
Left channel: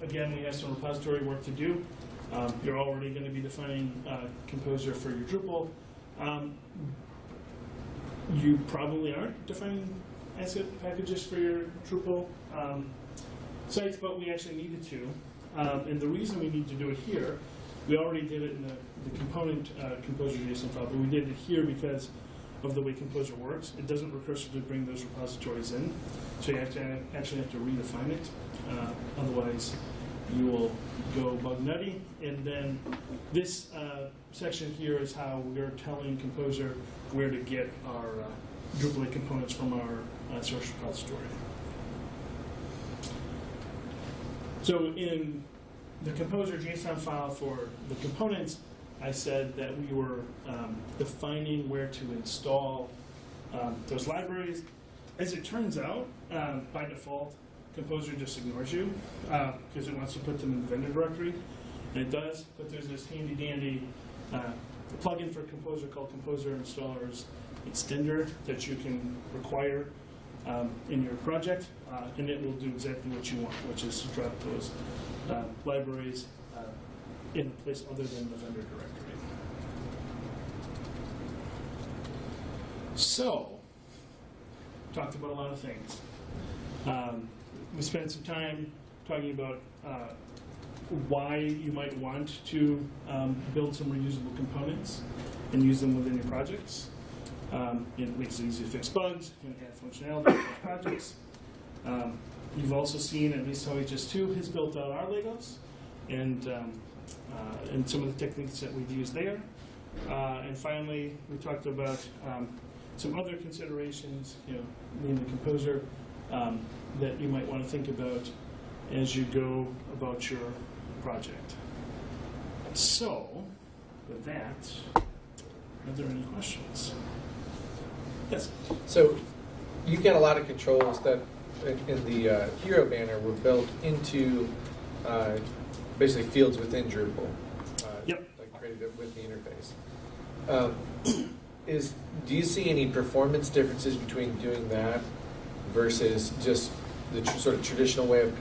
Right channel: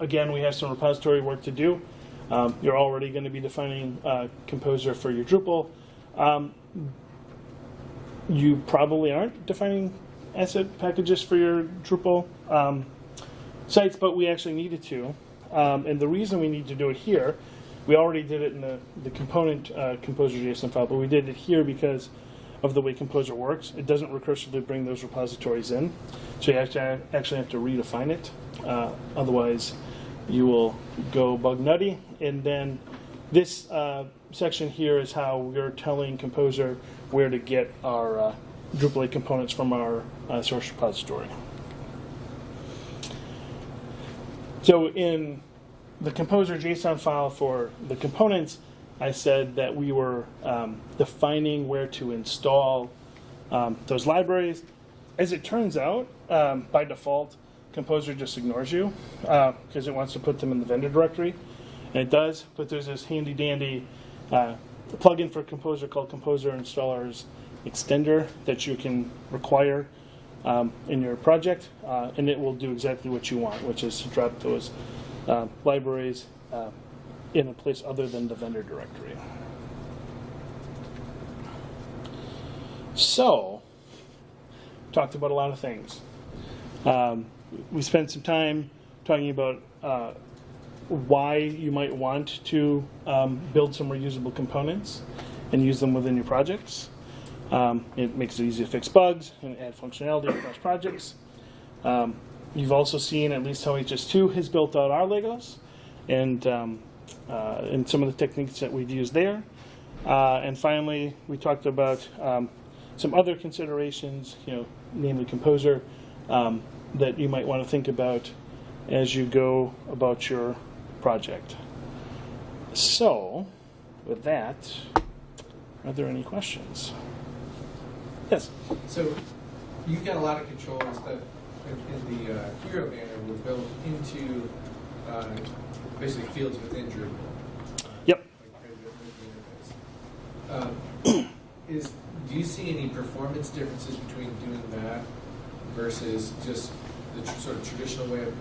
again, we have some repository work to do. You're already going to be defining Composer for your Drupal. You probably aren't defining asset packages for your Drupal sites, but we actually needed to. And the reason we need to do it here, we already did it in the component Composer JSON file, but we did it here because of the way Composer works. It doesn't recursively bring those repositories in, so you actually have to redefine it. Otherwise, you will go bug nutty. And then this section here is how we're telling Composer where to get our Drupal 8 components from our source repository. So in the Composer JSON file for the components, I said that we were defining where to install those libraries. As it turns out, by default, Composer just ignores you because it wants to put them in the vendor directory, and it does, but there's this handy-dandy plugin for Composer called Composer Installers Extender that you can require in your project, and it will do exactly what you want, which is to drop those libraries in a place other than the vendor directory. So, talked about a lot of things. We spent some time talking about why you might want to build some reusable components and use them within your projects. It makes it easy to fix bugs and add functionality across projects. You've also seen at least how HS2 has built out our Legos and some of the techniques that we've used there. And finally, we talked about some other considerations, namely Composer, that you might want to think about as you go about your project. So, with that, are there any questions? Yes. So, you get a lot of controls that in the Hero banner were built into basically fields within Drupal. Yep. Like created with the interface. Do you see any performance differences between doing that versus just the sort of traditional way of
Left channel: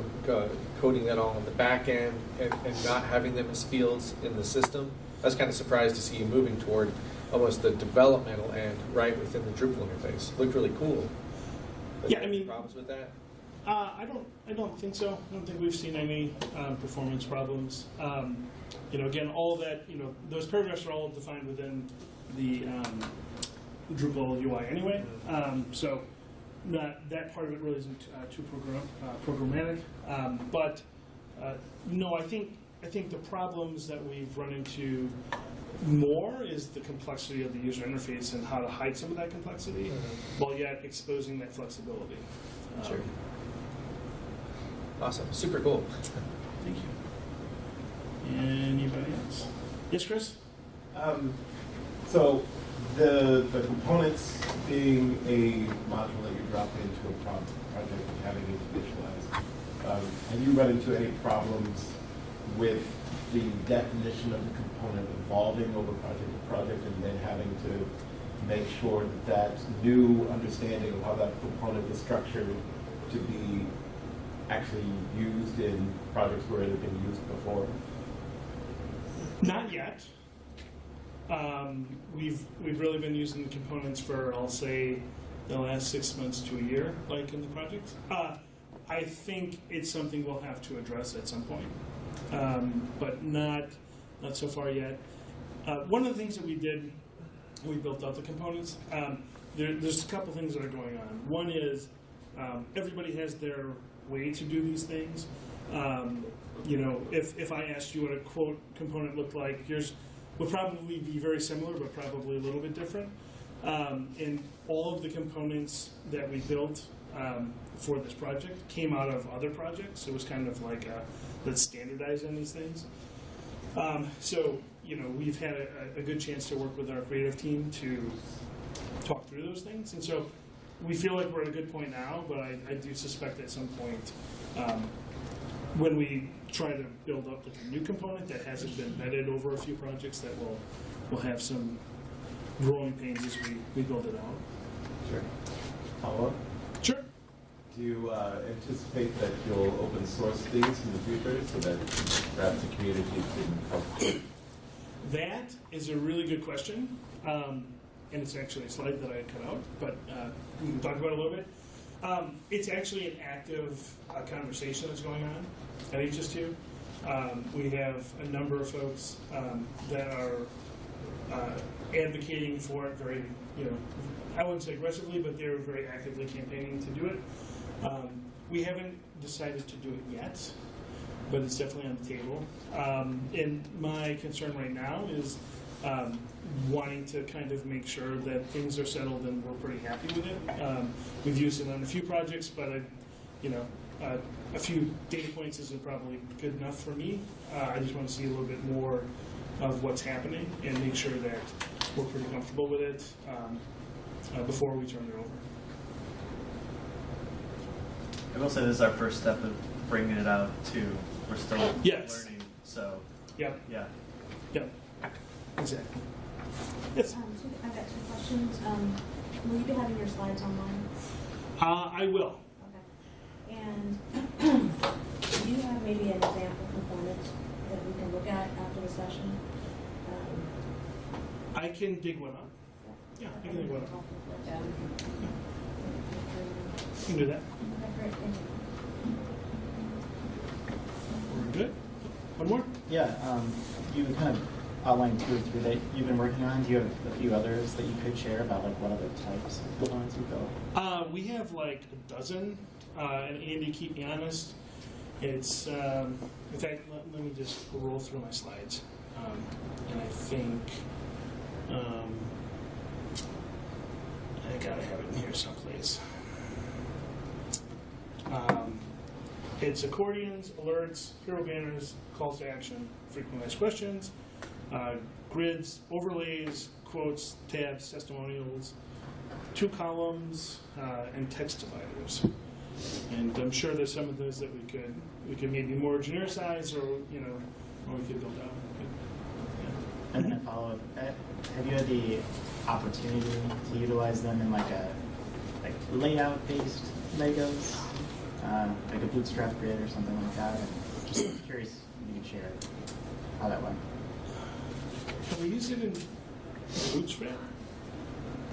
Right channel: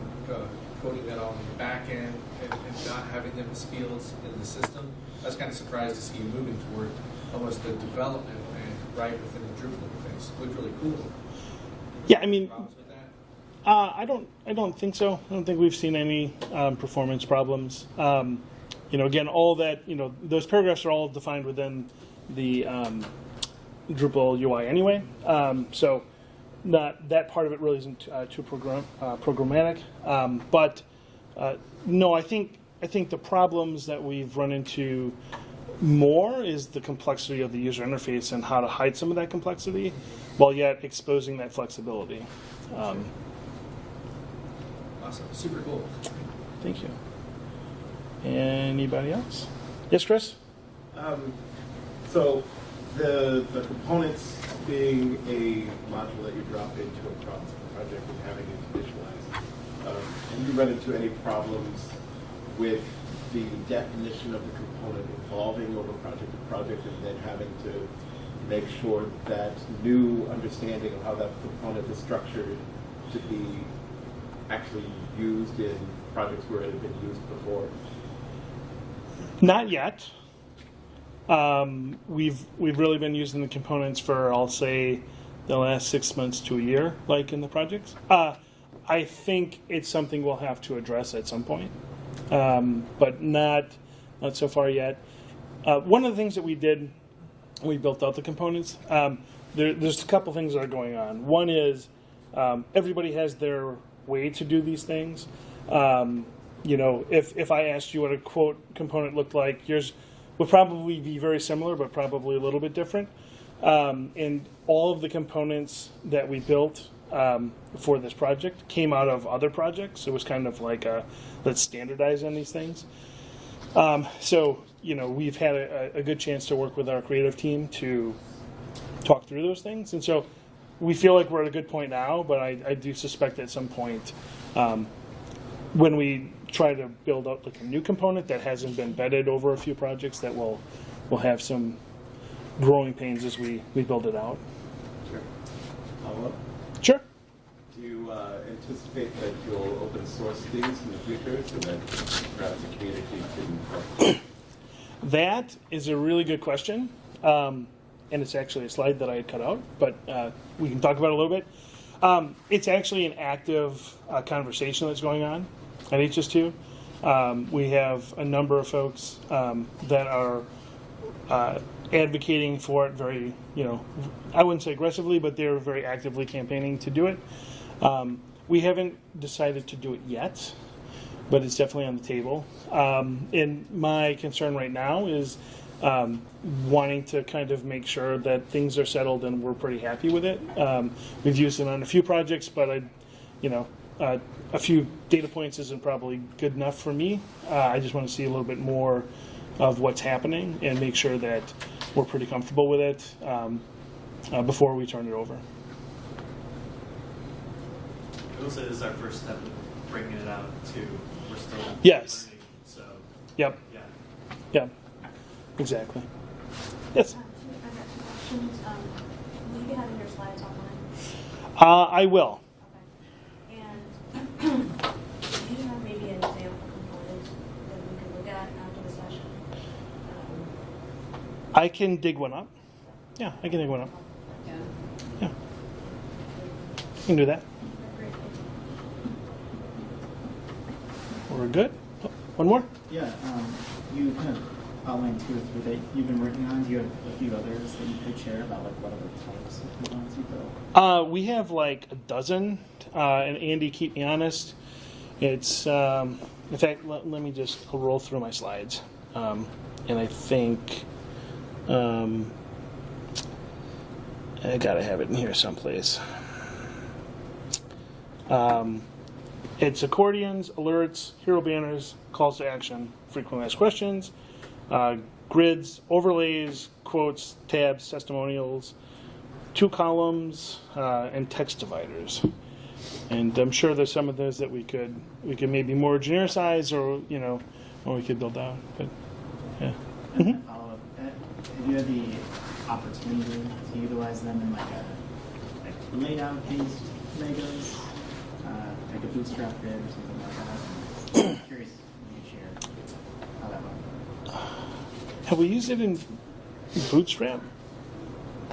coding that all in the back end and not having them as fields in the system? I was kind of surprised to see you moving toward almost the developmental end right within the Drupal interface. It looked really cool. Yeah, I mean, problems with that? I don't think so. I don't think we've seen any performance problems. Again, all that, those paragraphs are all defined within the Drupal UI anyway. So that part of it really isn't too programmatic. But no, I think the problems that we've run into more is the complexity of the user interface and how to hide some of that complexity while yet exposing that flexibility. Sure. Awesome. Super cool. Thank you. Anybody else? Yes, Chris? So the components being a module that you drop into a project and having it initialized, have you run into any problems with the definition of the component evolving over project to project and then having to make sure that new understanding of how that component is structured to be actually used in projects where it had been used before? Not yet. We've really been using the components for, I'll say, the last 6 months to a year, like in the projects. I think it's something we'll have to address at some point, but not so far yet. One of the things that we did when we built out the components, there's a couple things that are going on. One is everybody has their way to do these things. If I asked you what a quote component looked like, yours would probably be very similar, but probably a little bit different. And all of the components that we built for this project came out of other projects. It was kind of like let's standardize on these things. So we've had a good chance to work with our creative team to talk through those things. And so we feel like we're at a good point now, but I do suspect at some point when we try to build up like a new component that hasn't been vetted over a few projects, that we'll have some growing pains as we build it out. Sure. Follow up? Sure. Do you anticipate that you'll open source these in the future so that perhaps the community can help? That is a really good question. and it's actually a slide that I had cut out, but we can talk about it a little bit. It's actually an active conversation that's going on at HS2. We have a number of folks that are advocating for it very, I wouldn't say aggressively, but they're very actively campaigning to do it. We haven't decided to do it yet, but it's definitely on the table. And my concern right now is wanting to kind of make sure that things are settled and we're pretty happy with it. We've used it on a few projects, but a few data points isn't probably good enough for me. I just want to see a little bit more of what's happening and make sure that we're pretty comfortable with it before we turn it over. I will say this is our first step of bringing it out too. We're still Yes. learning, so Yep. yeah. Yeah. Exactly. Yes. I've got 2 questions. Will you be having your slides online? I will. Okay. And do you have maybe an example component that we can look at after the session? I can dig one up. Yeah, I can dig one up. Yeah. Yeah, I can do that. Okay, great, thank you. We're good. Oh, one more? Yeah, you kind of outlined 2 or 3 that you've been working on. Do you have a few others that you could share about like what other types of components you built? We have like a dozen, and Andy, keep me honest. It's, in fact, let me just roll through my slides. And I think I gotta have it in here someplace. It's accordions, alerts, hero banners, calls to action, frequently asked questions, grids, overlays, quotes, tabs, testimonials, 2 columns, and text dividers. And I'm sure there's some of those that we could maybe more genericize, or or we could build out. But yeah. And then follow up. Have you had the opportunity to utilize them in like layout-based Legos, like a bootstrap grid or something like that? I'm curious if you could share how that went. Have we used it in Bootstrap?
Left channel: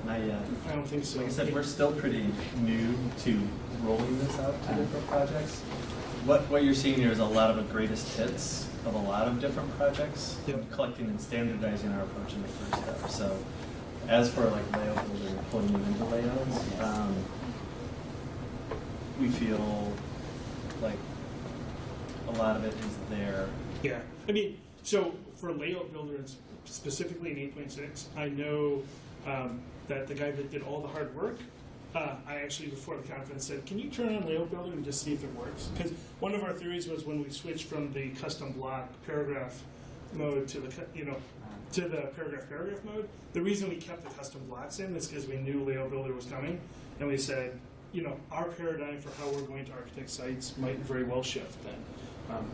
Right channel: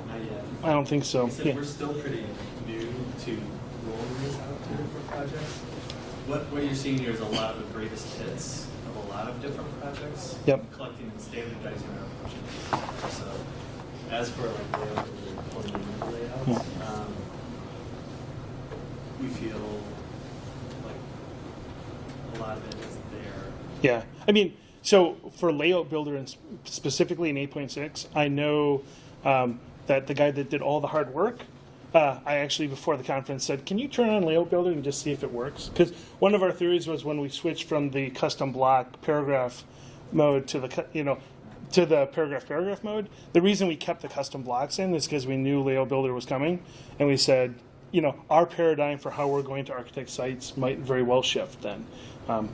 Not yet. I don't think so. Like I said, Yeah. we're still pretty new to rolling this out to different projects. What you're seeing here is a lot of the greatest hits of a lot of different projects. Yep. Collecting and standardizing our approach. So as for like layout builder, pulling into layouts, we feel like a lot of it is there. Yeah. I mean, so for Layout Builder, and specifically in 8.6, I know that the guy that did all the hard work, I actually, before the conference, said, can you turn on Layout Builder and just see if it works? Because one of our theories was when we switched from the custom block paragraph mode to the, to the paragraph mode, the reason we kept the custom blocks in is because we knew Layout Builder was coming, and we said, our paradigm for how we're going to architect sites might very well shift then.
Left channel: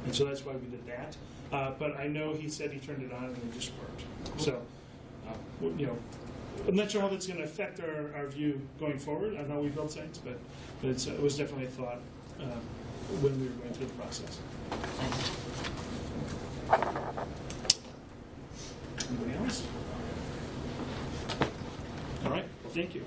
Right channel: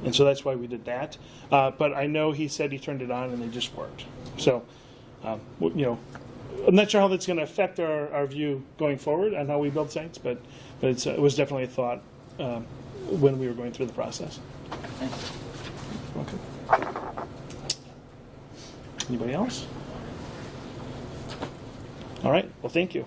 And so that's why we did that. But I know he said he turned it on and it just worked. So, I'm not sure how that's going to affect our view going forward on how we build sites, but it was definitely a thought when we were going through the process. Okay. Anybody else? All right. Well, thank you.